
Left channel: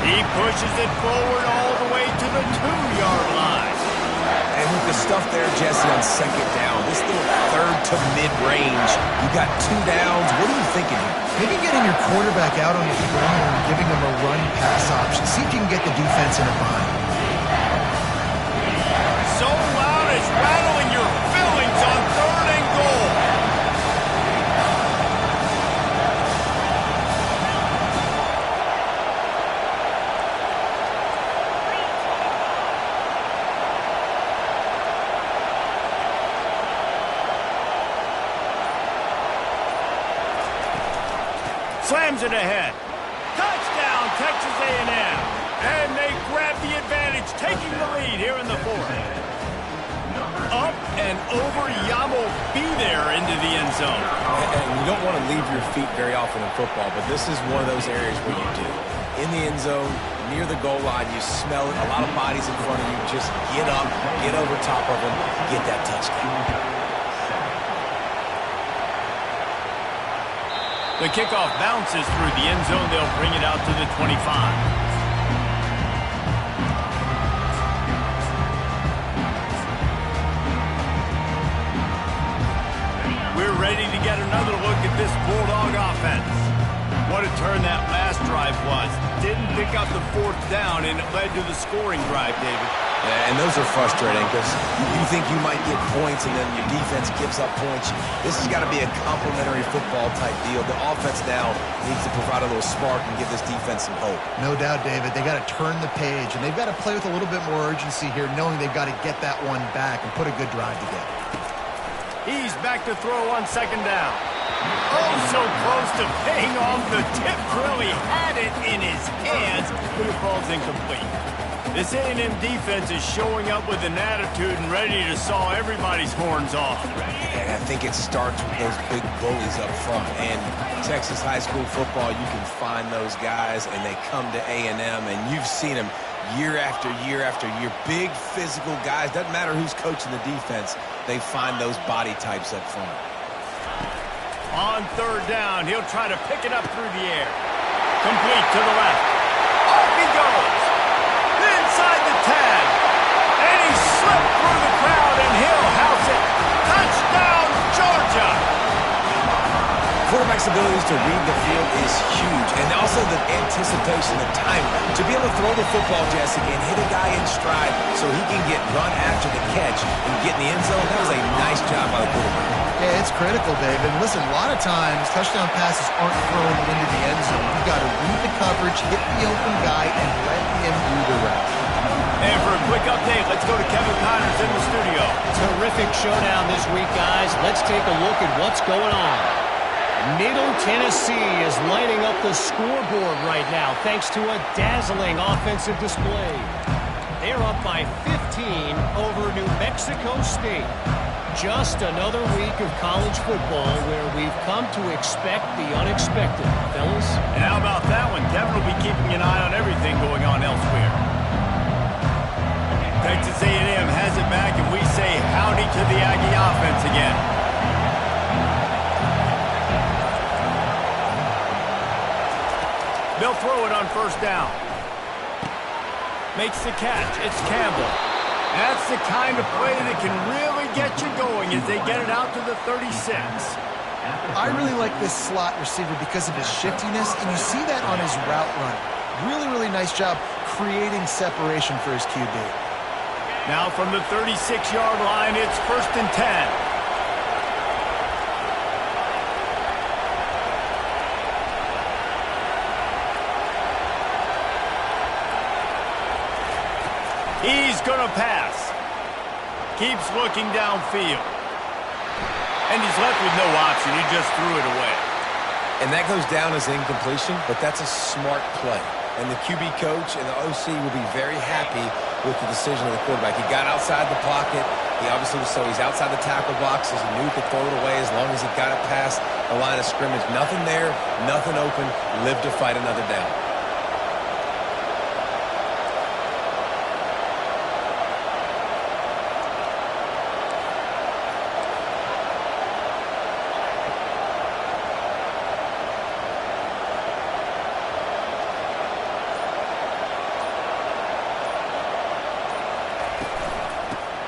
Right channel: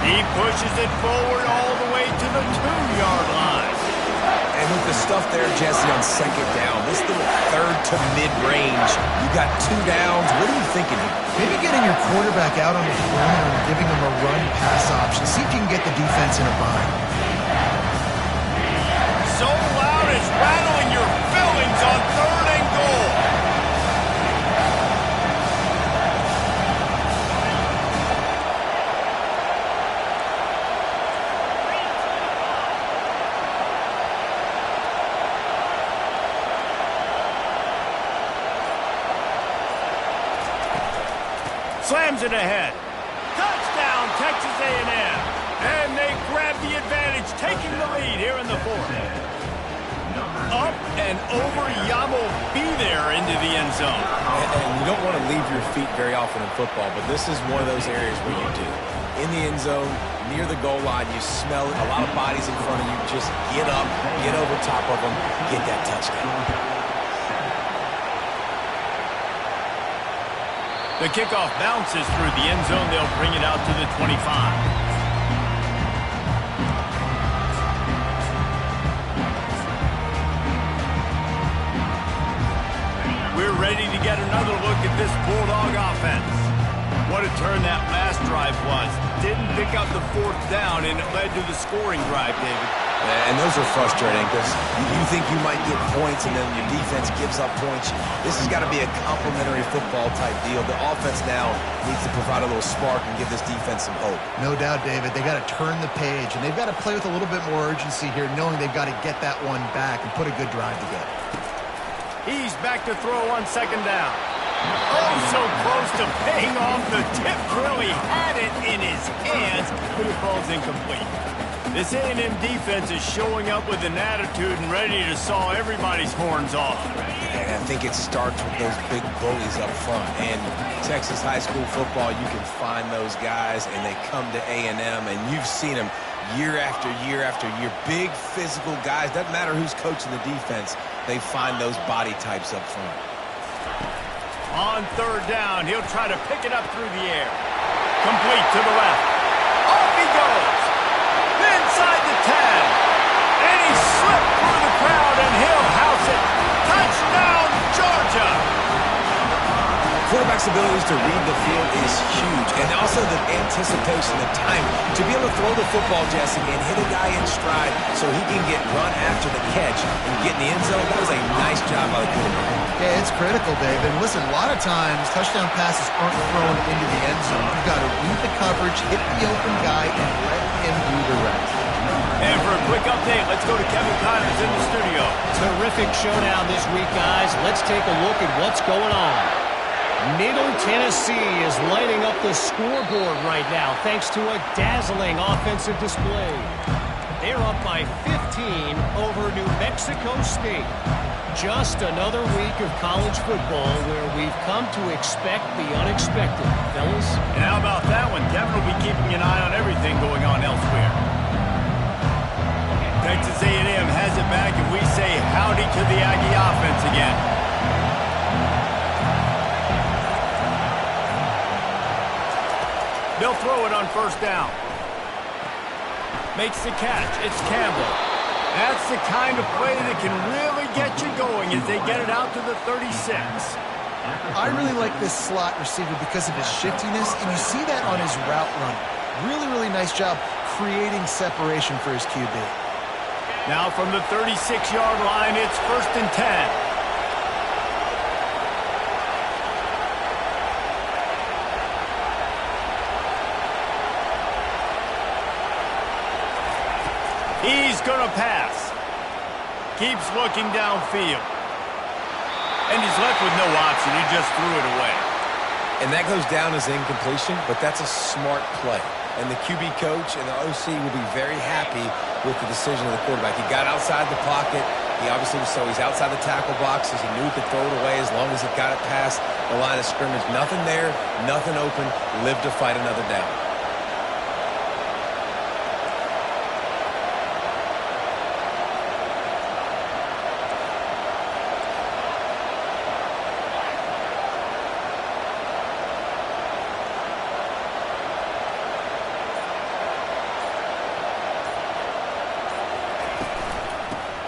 He pushes it forward all the way to the 2-yard line. And with the stuff there, Jesse, on 2nd down, this little 3rd to mid-range, you got 2 downs. What are you thinking here? Maybe getting your quarterback out on the perimeter and giving him a run-pass option. See if you can get the defense in a bind. So loud it's rattling your fillings on 3rd and goal. Slams it ahead. Touchdown, Texas A&M. And they grab the advantage, taking the lead here in the 4th. Up and over, Yamo be there into the end zone. And you don't want to leave your feet very often in football, but this is one of those areas where you do. In the end zone, near the goal line, you smell it. A lot of bodies in front of you. Just get up, get over top of them, get that touchdown. The kickoff bounces through the end zone. They'll bring it out to the 25. We're ready to get another look at this Bulldog offense. What a turn that last drive was. Didn't pick up the 4th down, and it led to the scoring drive, David. Yeah, and those are frustrating because you think you might get points and then your defense gives up points. This has got to be a complementary football type deal. The offense now needs to provide a little spark and give this defense some hope. No doubt, David. They got to turn the page, and they've got to play with a little bit more urgency here, knowing they've got to get that one back and put a good drive together. He's back to throw on 2nd down. Oh, so close to paying off the tip drill. He had it in his hands, but it falls incomplete. This A&M defense is showing up with an attitude and ready to saw everybody's horns off. And I think it starts with those big bullies up front. And Texas high school football, you can find those guys, and they come to A&M, and you've seen them year after year after year. Big physical guys. Doesn't matter who's coaching the defense. They find those body types up front. On third down, he'll try to pick it up through the air. Complete to the left. Off he goes. Inside the 10. And he slipped through the crowd, and he'll house it. Touchdown, Georgia! Quarterback's abilities to read the field is huge, and also the anticipation, the time to be able to throw the football, Jesse, and hit a guy in stride so he can get run after the catch and get in the end zone. That was a nice job by the quarterback. Yeah, it's critical, David. Listen, a lot of times touchdown passes aren't thrown into the end zone. You've got to read the coverage, hit the open guy, and let him do the rest. And for a quick update, let's go to Kevin Connors in the studio. Terrific showdown this week, guys. Let's take a look at what's going on. Middle Tennessee is lighting up the scoreboard right now thanks to a dazzling offensive display. They're up by 15 over New Mexico State. Just another week of college football where we've come to expect the unexpected, fellas. And how about that one? Kevin will be keeping an eye on everything going on elsewhere. Texas A&M has it back, and we say howdy to the Aggie offense again. They'll throw it on first down. Makes the catch. It's Campbell. That's the kind of play that can really get you going as they get it out to the 36. I really like this slot receiver because of his shiftiness, and you see that on his route running. Really, really nice job creating separation for his QB. Now from the 36-yard line, it's 1st and 10. He's going to pass. Keeps looking downfield. And he's left with no option. He just threw it away. And that goes down as incompletion, but that's a smart play. And the QB coach and the OC will be very happy with the decision of the quarterback. He got outside the pocket. He obviously was he's outside the tackle boxes. He knew he could throw it away as long as he got it past the line of scrimmage. Nothing there, nothing open. Live to fight another down.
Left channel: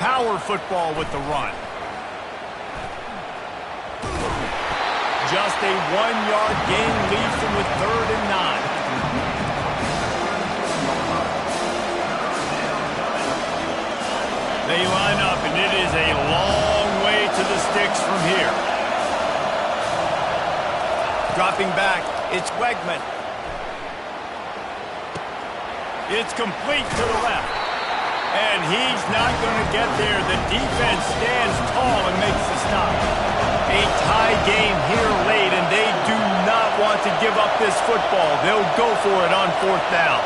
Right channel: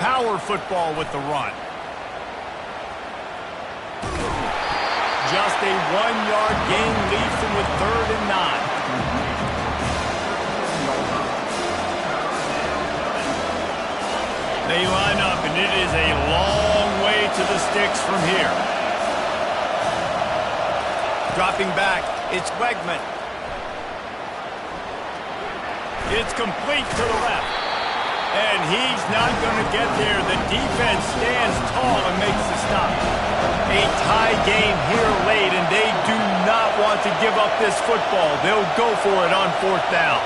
Power football with the run. Just a 1-yard gain leaves him with 3rd and 9. They line up, and it is a long way to the sticks from here. Dropping back, it's Wegman. It's complete to the left. And he's not going to get there. The defense stands tall and makes the stop. A tie game here late, and they do not want to give up this football. They'll go for it on 4th down.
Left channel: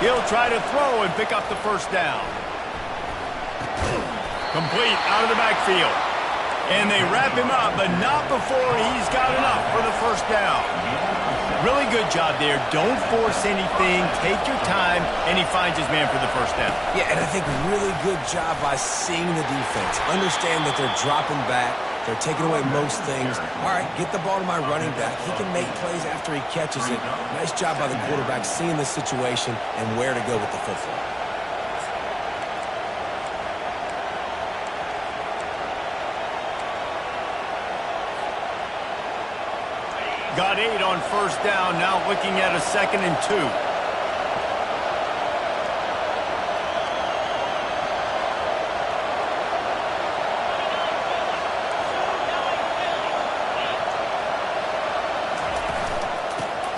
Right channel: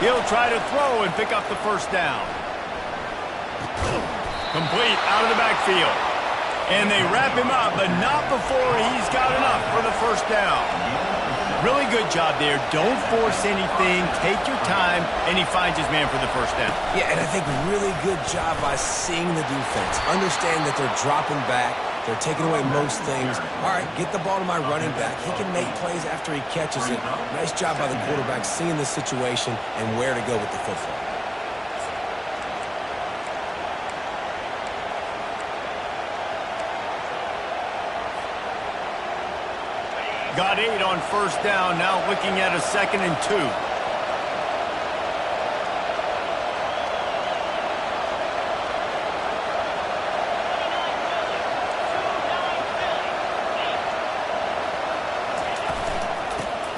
He'll try to throw and pick up the 1st down. Complete out of the backfield. And they wrap him up, but not before he's got enough for the 1st down. Really good job there. Don't force anything. Take your time, and he finds his man for the 1st down. Yeah, and I think really good job by seeing the defense. Understand that they're dropping back. They're taking away most things. All right, get the ball to my running back. He can make plays after he catches it. Nice job by the quarterback seeing the situation and where to go with the football. Got 8 on 1st down, now looking at a 2nd and 2.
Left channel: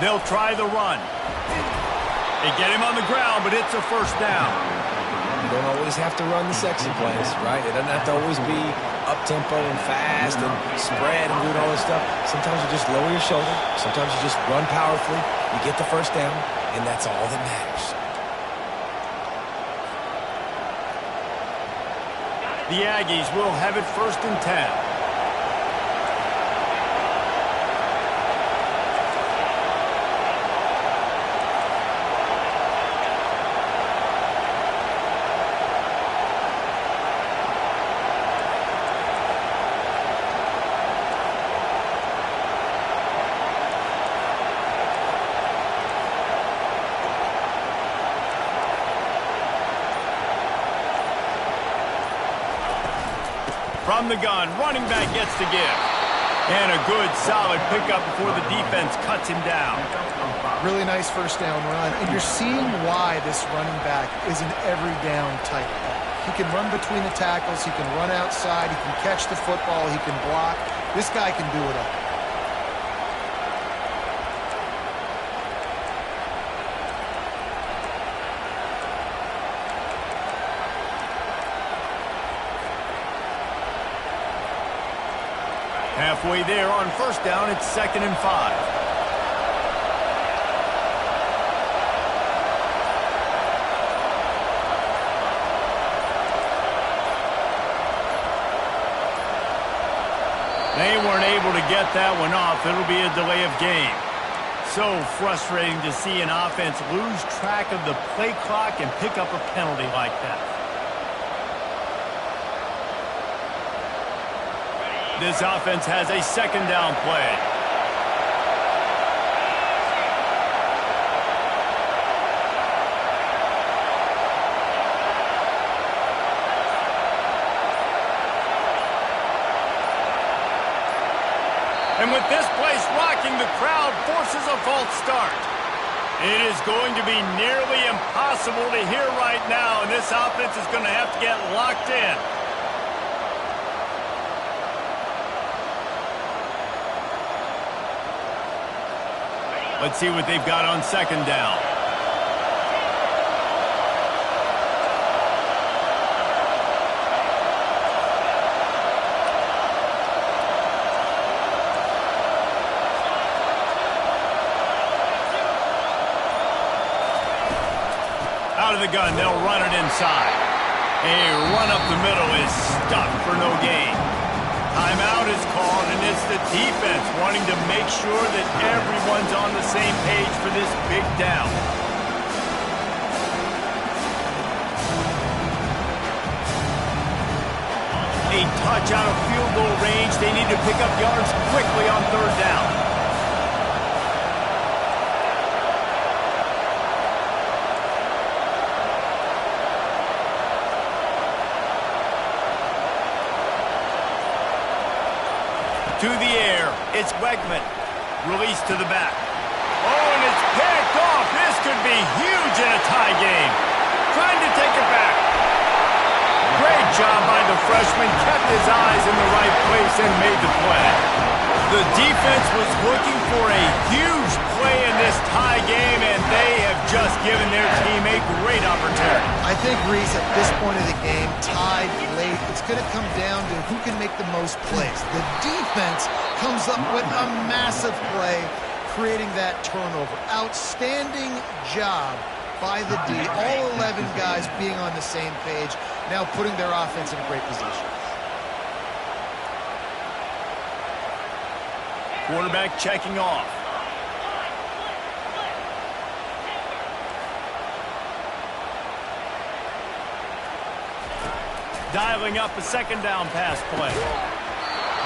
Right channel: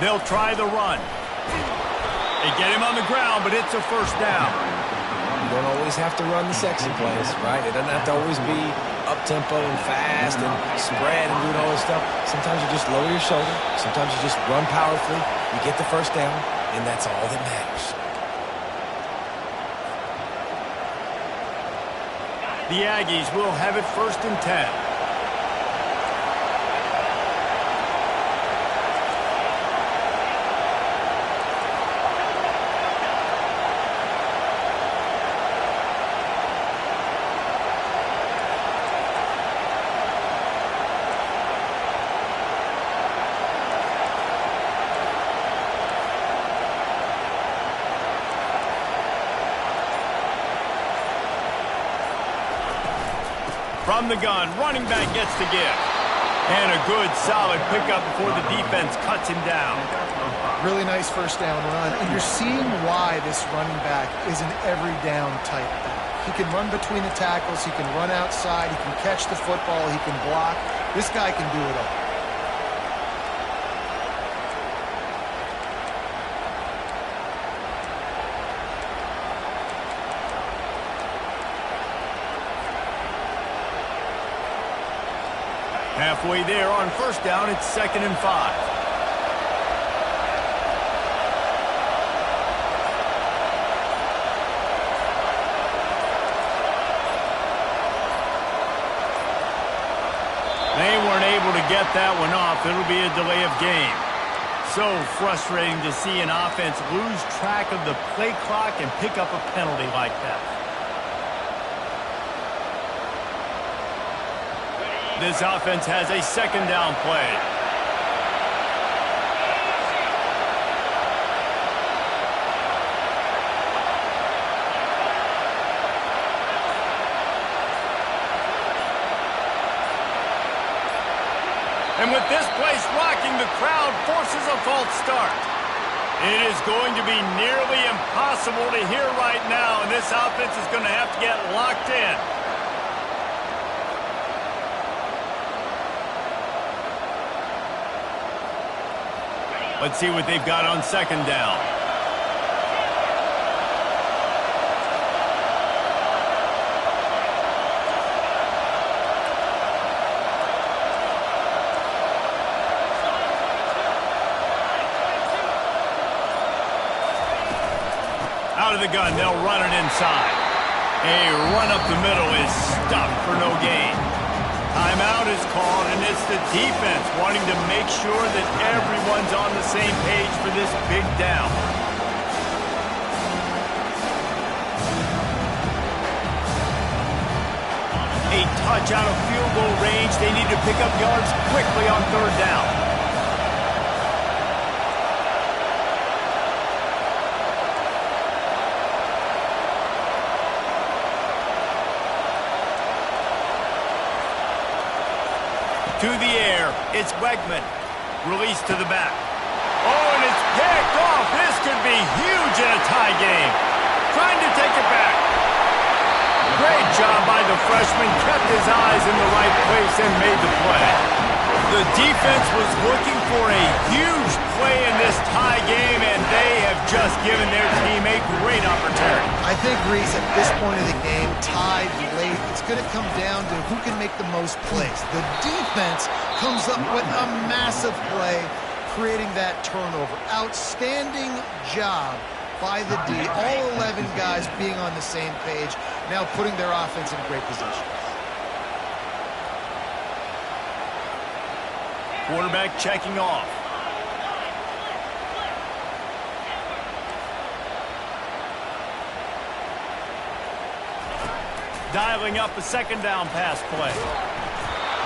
They'll try the run. They get him on the ground, but it's a 1st down. You don't always have to run the sexy plays, right? It doesn't have to always be up-tempo and fast and spread and doing all this stuff. Sometimes you just lower your shoulder. Sometimes you just run powerfully. You get the first down, and that's all that matters. The Aggies will have it 1st and 10. From the gun, running back gets the give. And a good, solid pickup before the defense cuts him down. Really nice first down run, and you're seeing why this running back is an every down type back. He can run between the tackles, he can run outside, he can catch the football, he can block. This guy can do it all. Halfway there on 1st down, it's 2nd and 5. They weren't able to get that one off. It'll be a delay of game. So frustrating to see an offense lose track of the play clock and pick up a penalty like that. This offense has a 2nd down play. And with this place rocking, the crowd forces a false start. It is going to be nearly impossible to hear right now, and this offense is going to have to get locked in. Let's see what they've got on 2nd down. Out of the gun, they'll run it inside. A run up the middle is stopped for no gain. Timeout is called, and it's the defense wanting to make sure that everyone's on the same page for this big down. A touch out of field goal range. They need to pick up yards quickly on 3rd down. To the air, it's Wegman. Release to the back. Oh, and it's picked off. This could be huge in a tie game. Trying to take it back. Great job by the freshman. Kept his eyes in the right place and made the play. The defense was looking for a huge play in this tie game, and they have just given their team a great opportunity. I think, Reese, at this point of the game, tied late, it's going to come down to who can make the most plays. The defense comes up with a massive play, creating that turnover. Outstanding job by the D. All 11 guys being on the same page, now putting their offense in a great position. Quarterback checking off. Dialing up a 2nd down pass play.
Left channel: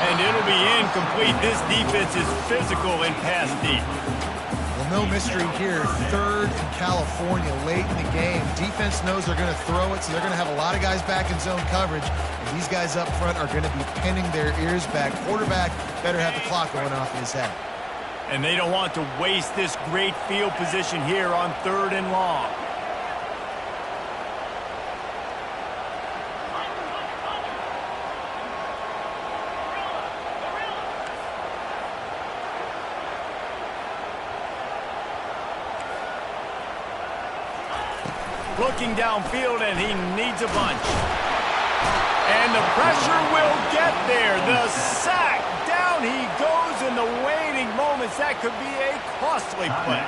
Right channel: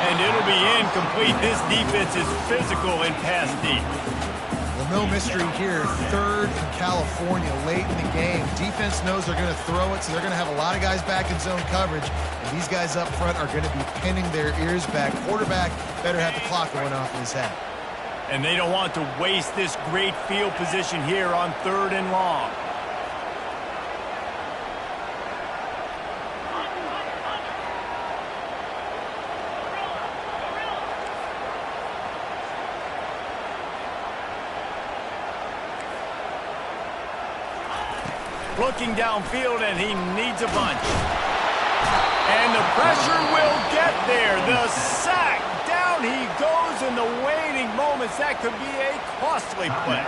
And it'll be incomplete. This defense is physical in pass deep. Well, no mystery here. 3rd in California late in the game. Defense knows they're going to throw it, so they're going to have a lot of guys back in zone coverage. And these guys up front are going to be pinning their ears back. Quarterback better have the clock going off in his head. And they don't want to waste this great field position here on 3rd and long. Looking downfield, and he needs a bunch. And the pressure will get there. The sack. Down he goes in the waning moments. That could be a costly play.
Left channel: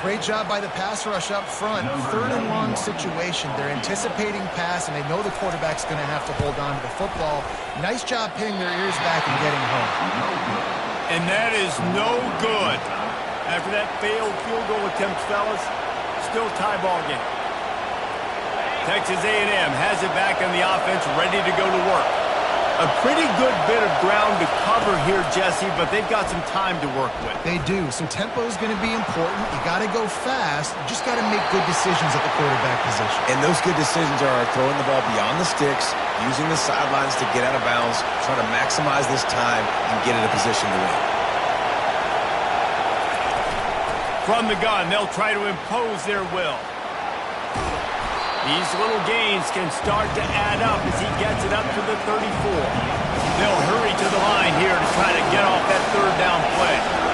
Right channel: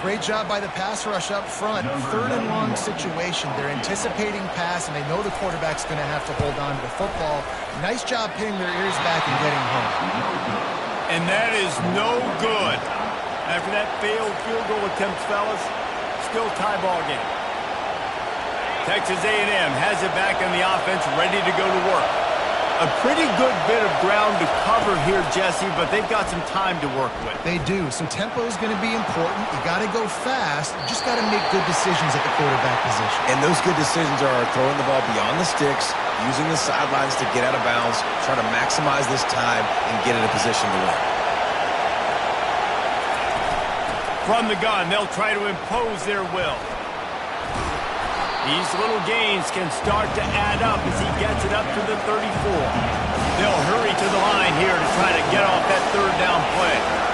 Great job by the pass rush up front. 3rd and long situation. They're anticipating pass, and they know the quarterback's going to have to hold on to the football. Nice job pinning their ears back and getting home. And that is no good. After that failed field goal attempt, fellas, still tie ball game. Texas A&M has it back on the offense, ready to go to work. A pretty good bit of ground to cover here, Jesse, but they've got some time to work with. They do. So tempo is going to be important. You got to go fast. You just got to make good decisions at the quarterback position. And those good decisions are throwing the ball beyond the sticks, using the sidelines to get out of bounds, trying to maximize this time and get in a position to win. From the gun, they'll try to impose their will. These little gains can start to add up as he gets it up to the 34. They'll hurry to the line here to try to get off that 3rd down play.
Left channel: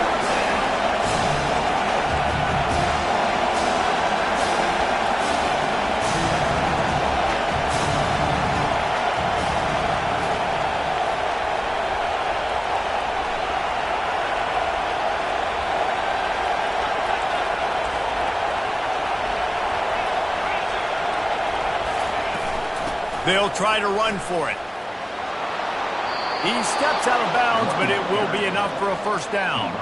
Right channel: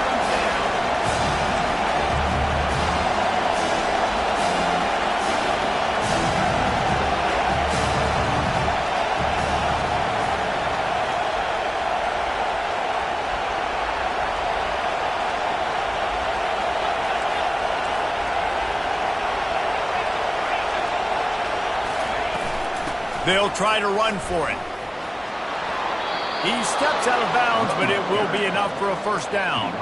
They'll try to run for it. He steps out of bounds, but it will be enough for a 1st down.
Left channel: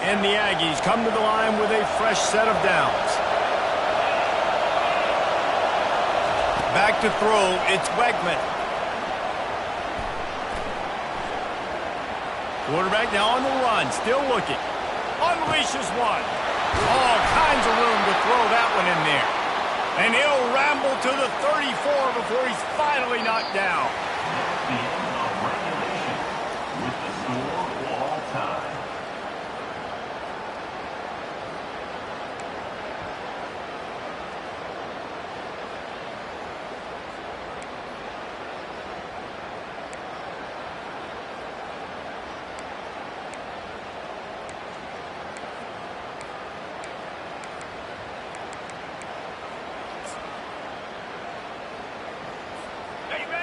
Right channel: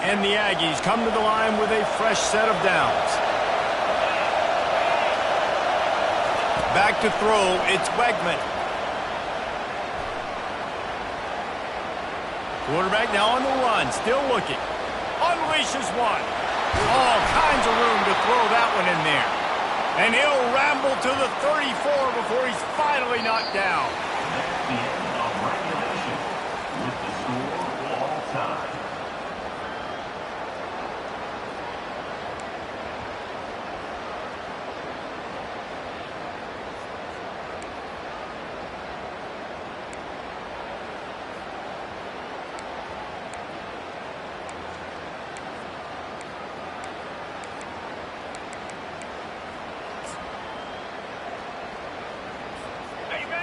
And the Aggies come to the line with a fresh set of downs. Back to throw, it's Wegman. Quarterback now on the run, still looking. Unleashes one. All kinds of room to throw that one in there. And he'll ramble to the 34 before he's finally knocked down. That's the end of regulation with the score all time.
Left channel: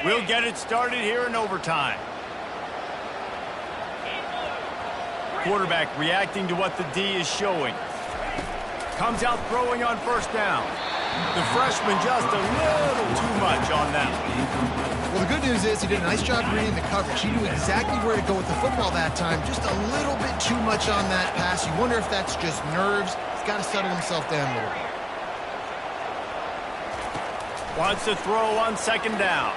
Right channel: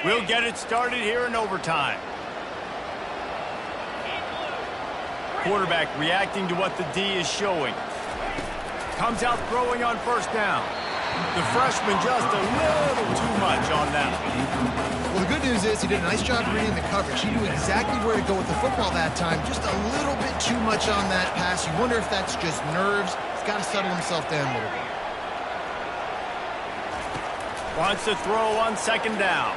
We'll get it started here in overtime. Quarterback reacting to what the D is showing. Comes out throwing on 1st down. The freshman just a little too much on that one. Well, the good news is he did a nice job reading the coverage. He knew exactly where to go with the football that time. Just a little bit too much on that pass. You wonder if that's just nerves. He's got to settle himself down a little bit. Wants to throw on 2nd down.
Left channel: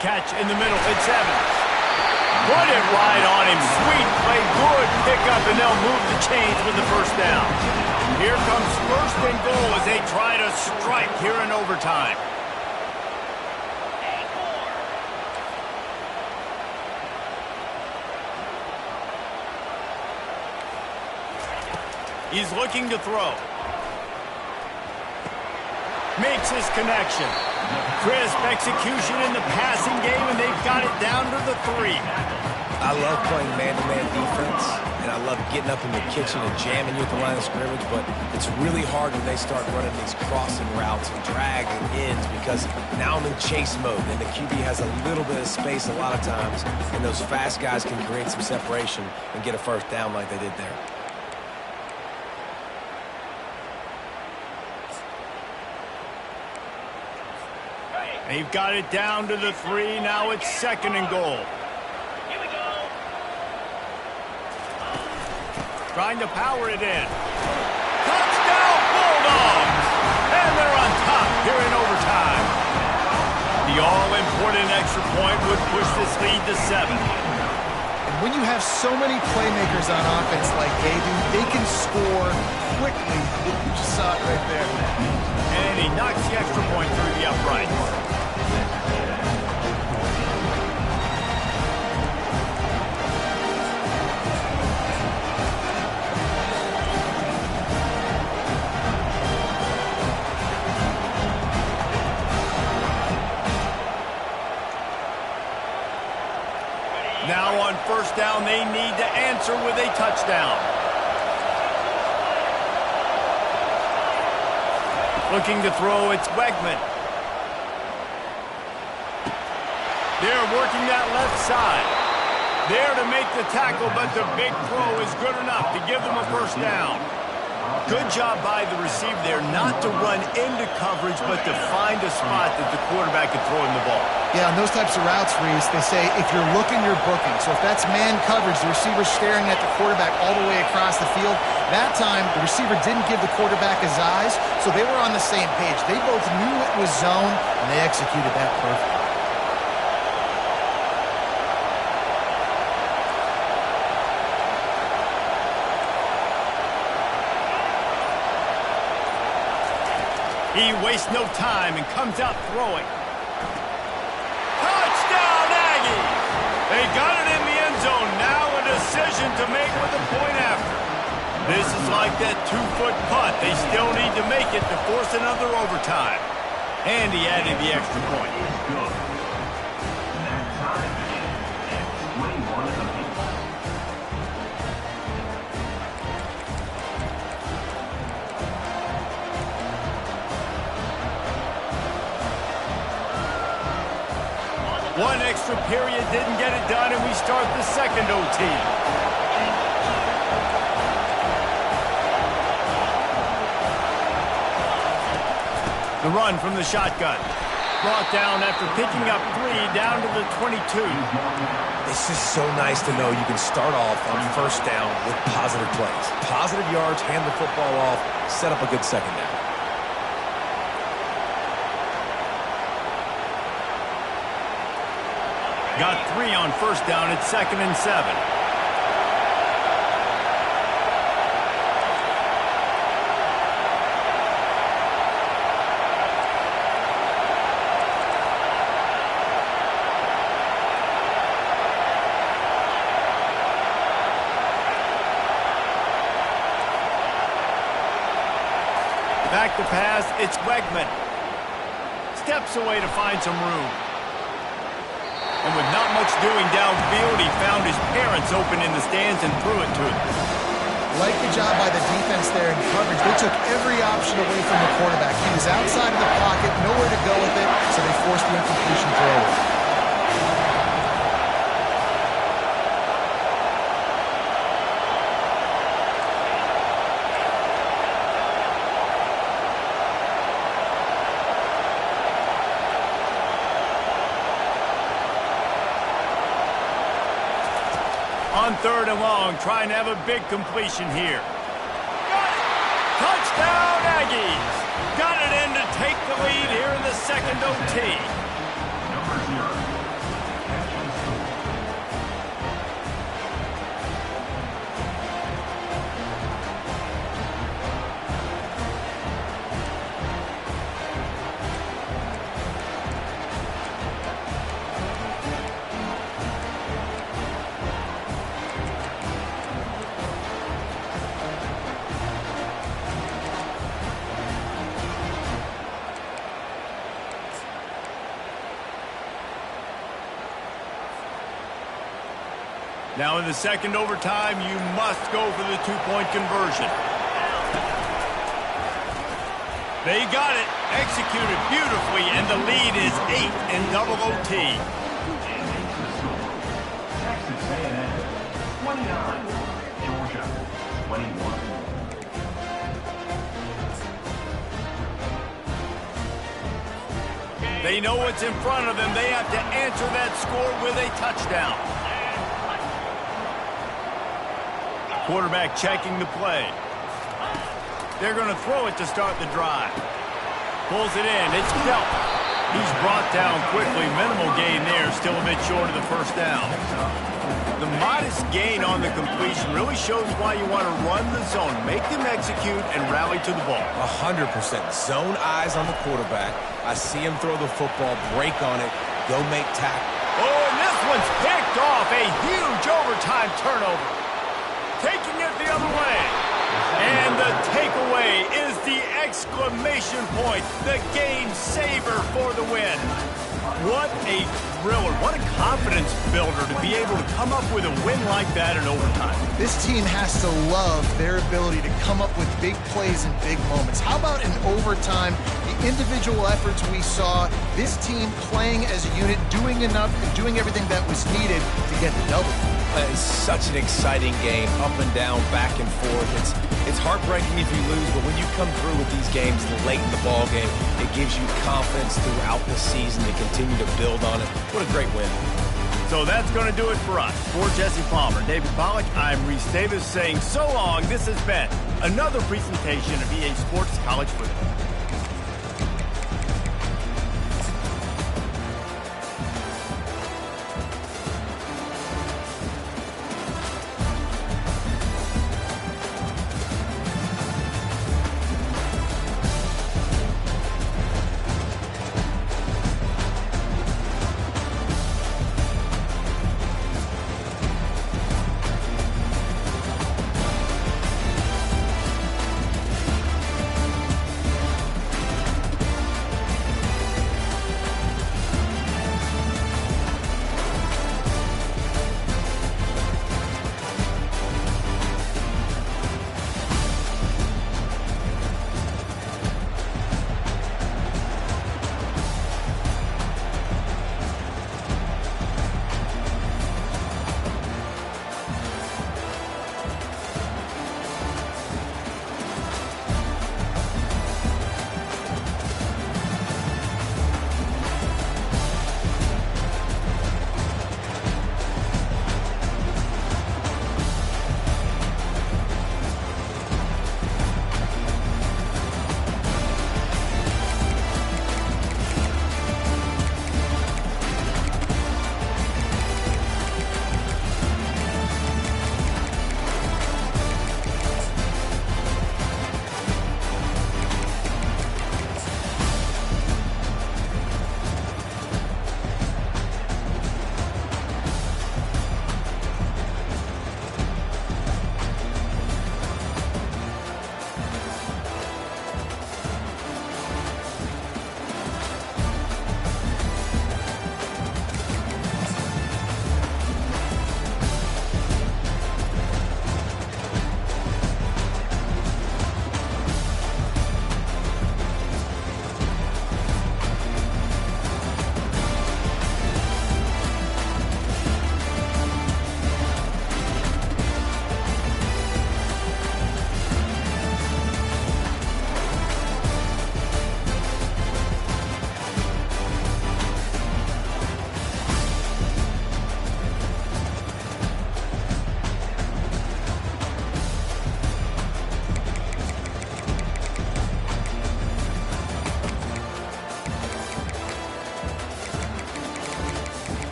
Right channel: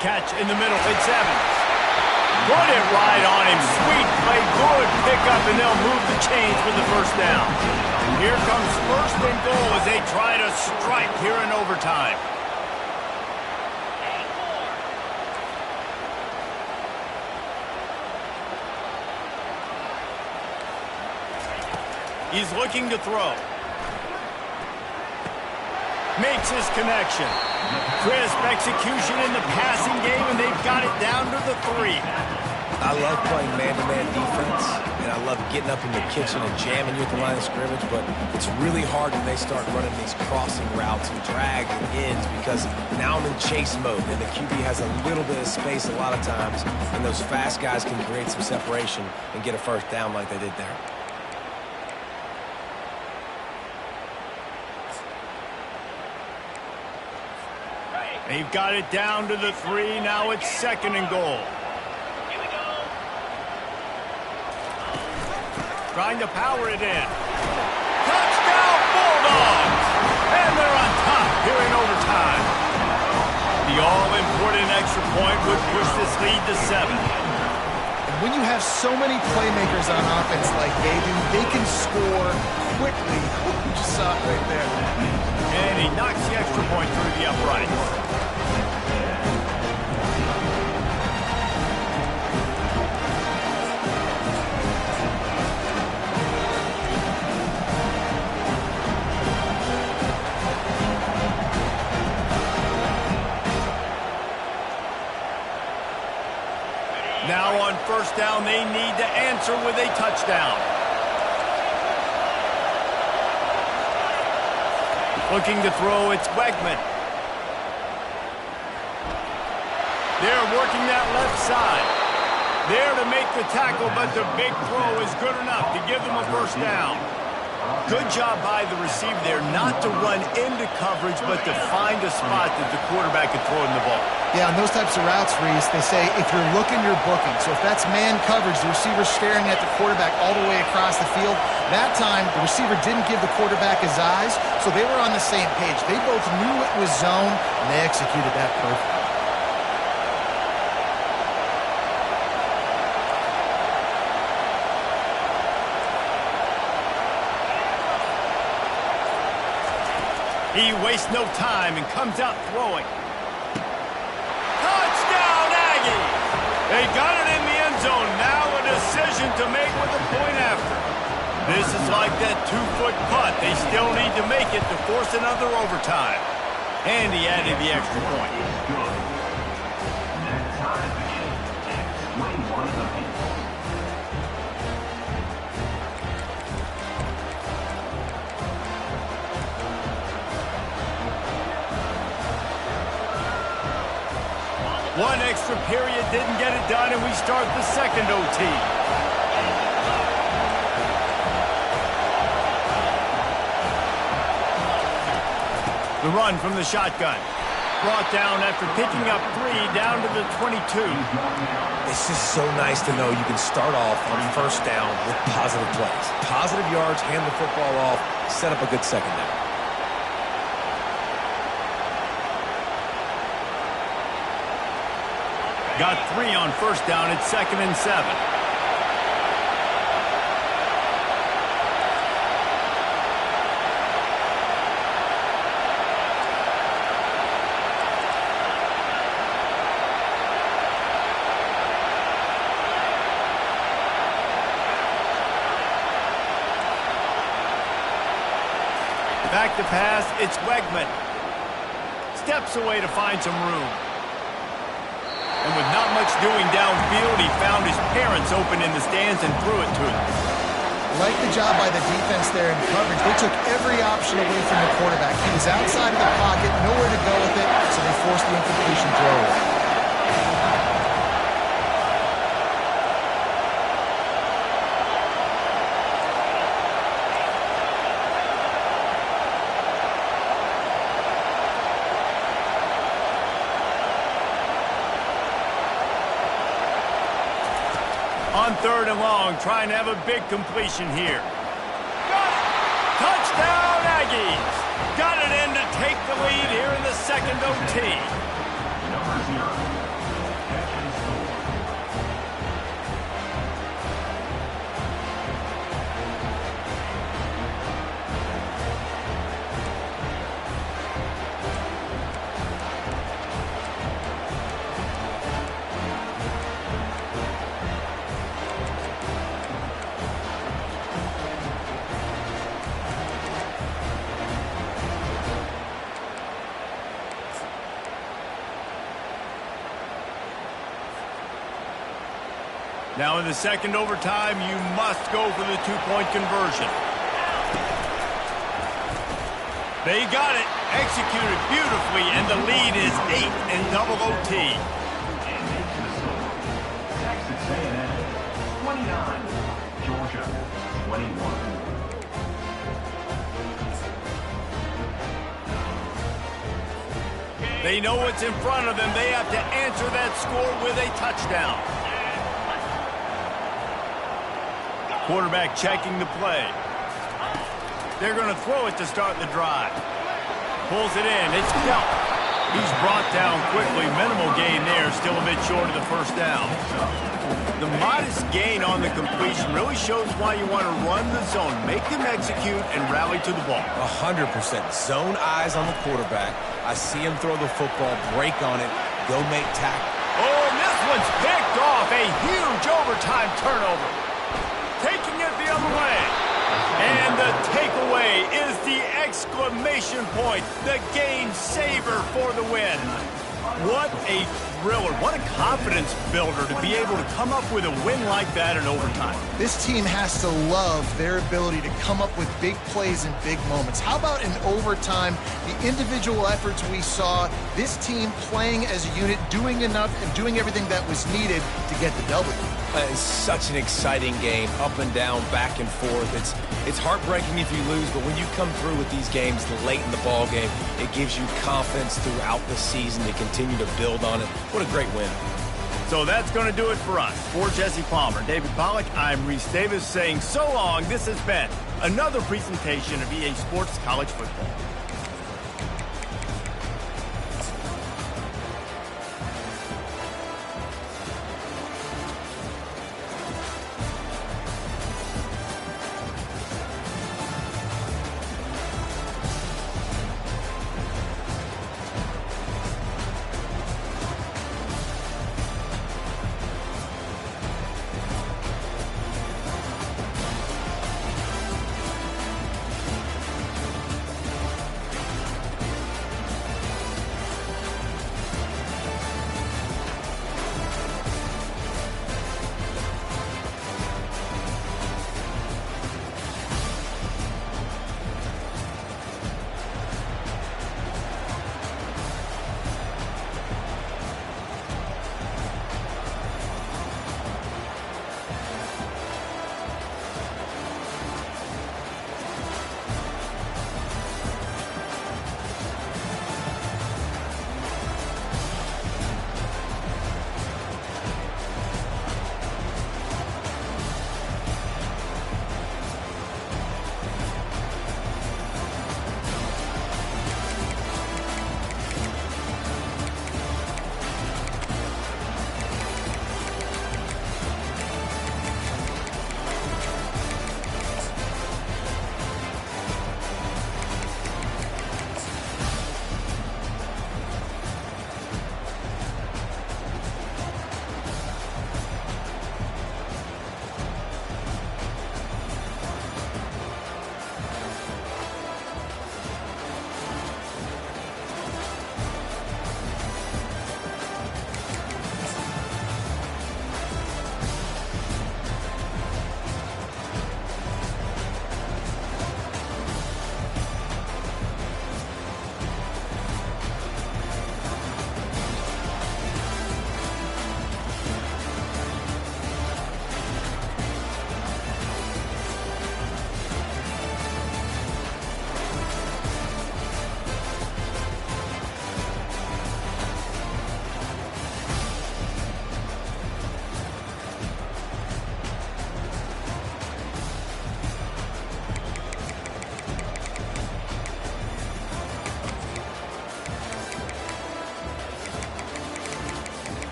Catch in the middle. It's Evans. Put it right on him. Sweet play. Good pickup, and they'll move the chains with the 1st down. Here comes 1st and goal as they try to strike here in overtime. He's looking to throw. Makes his connection. Crisp execution in the passing game, and they've got it down to the 3. I love playing man-to-man defense, and I love getting up in your kitchen and jamming you at the line of scrimmage, but it's really hard when they start running these crossing routes and drag and ends because now I'm in chase mode, and the QB has a little bit of space a lot of times, and those fast guys can create some separation and get a 1st down like they did there. They've got it down to the 3. Now it's 2nd and goal. Here we go. Trying to power it in. Touchdown, Bulldogs! And they're on top here in overtime. The all-important extra point would push this lead to 7. And when you have so many playmakers on offense like they do, they can score quickly. You just saw it right there. And he knocks the extra point through the uprights. Now on 1st down, they need to answer with a touchdown. Looking to throw, it's Wegman. They're working that left side. There to make the tackle, but the big throw is good enough to give them a first down. Good job by the receiver there not to run into coverage, but to find a spot that the quarterback could throw him the ball. Yeah, on those types of routes, Reese, they say if you're looking, you're booking. So if that's man coverage, the receiver's staring at the quarterback all the way across the field. That time, the receiver didn't give the quarterback his eyes, so they were on the same page. They both knew it was zone, and they executed that perfectly. He wastes no time and comes out throwing. Touchdown, Aggies! They got it in the end zone. Now a decision to make with a point after. This is like that 2-foot putt. They still need to make it to force another overtime. And he added the extra point. Is good. And that time begins at 21 apiece. One extra period didn't get it done, and we start the second OT. The run from the shotgun. Brought down after picking up 3 down to the 22. It's just so nice to know you can start off on first down with positive plays. Positive yards, hand the football off, set up a good second down. Got 3 on first down at 2nd and 7. Back to pass, it's Wegman. Steps away to find some room. And with not much doing downfield, he found his parents open in the stands and threw it to them. Like the job by the defense there in coverage. They took every option away from the quarterback. He was outside of the pocket, nowhere to go with it, so they forced the incompletion throw away. On 3rd and long, trying to have a big completion here. Got it! Touchdown, Aggies! Got it in to take the lead here in the second OT. Number 0. Catch and score. Now in the second overtime, you must go for the 2-point conversion. They got it, executed beautifully, and the lead is 8 in double OT. And makes the score. Texas A&M 29, Georgia 21. They know what's in front of them. They have to answer that score with a touchdown. Quarterback checking the play. They're going to throw it to start the drive. Pulls it in. It's Delp. He's brought down quickly. Minimal gain there. Still a bit short of the first down. The modest gain on the completion really shows why you want to run the zone. Make them execute and rally to the ball. 100%. Zone eyes on the quarterback. I see him throw the football, break on it, go make tackle. Oh, and this one's picked off. A huge overtime turnover. Taking it the other way. And the takeaway is the exclamation point. The game saver for the win. What a thriller. What a confidence builder to be able to come up with a win like that in overtime. This team has to love their ability to come up with big plays and big moments. How about in overtime, the individual efforts we saw, this team playing as a unit, doing enough and doing everything that was needed to get the W. It's such an exciting game, up and down, back and forth. It's heartbreaking if you lose, but when you come through with these games late in the ball game, it gives you confidence throughout the season to continue to build on it. What a great win. So that's going to do it for us. For Jesse Palmer, David Pollack, I'm Reese Davis saying so long. This has been another presentation of EA Sports College Football.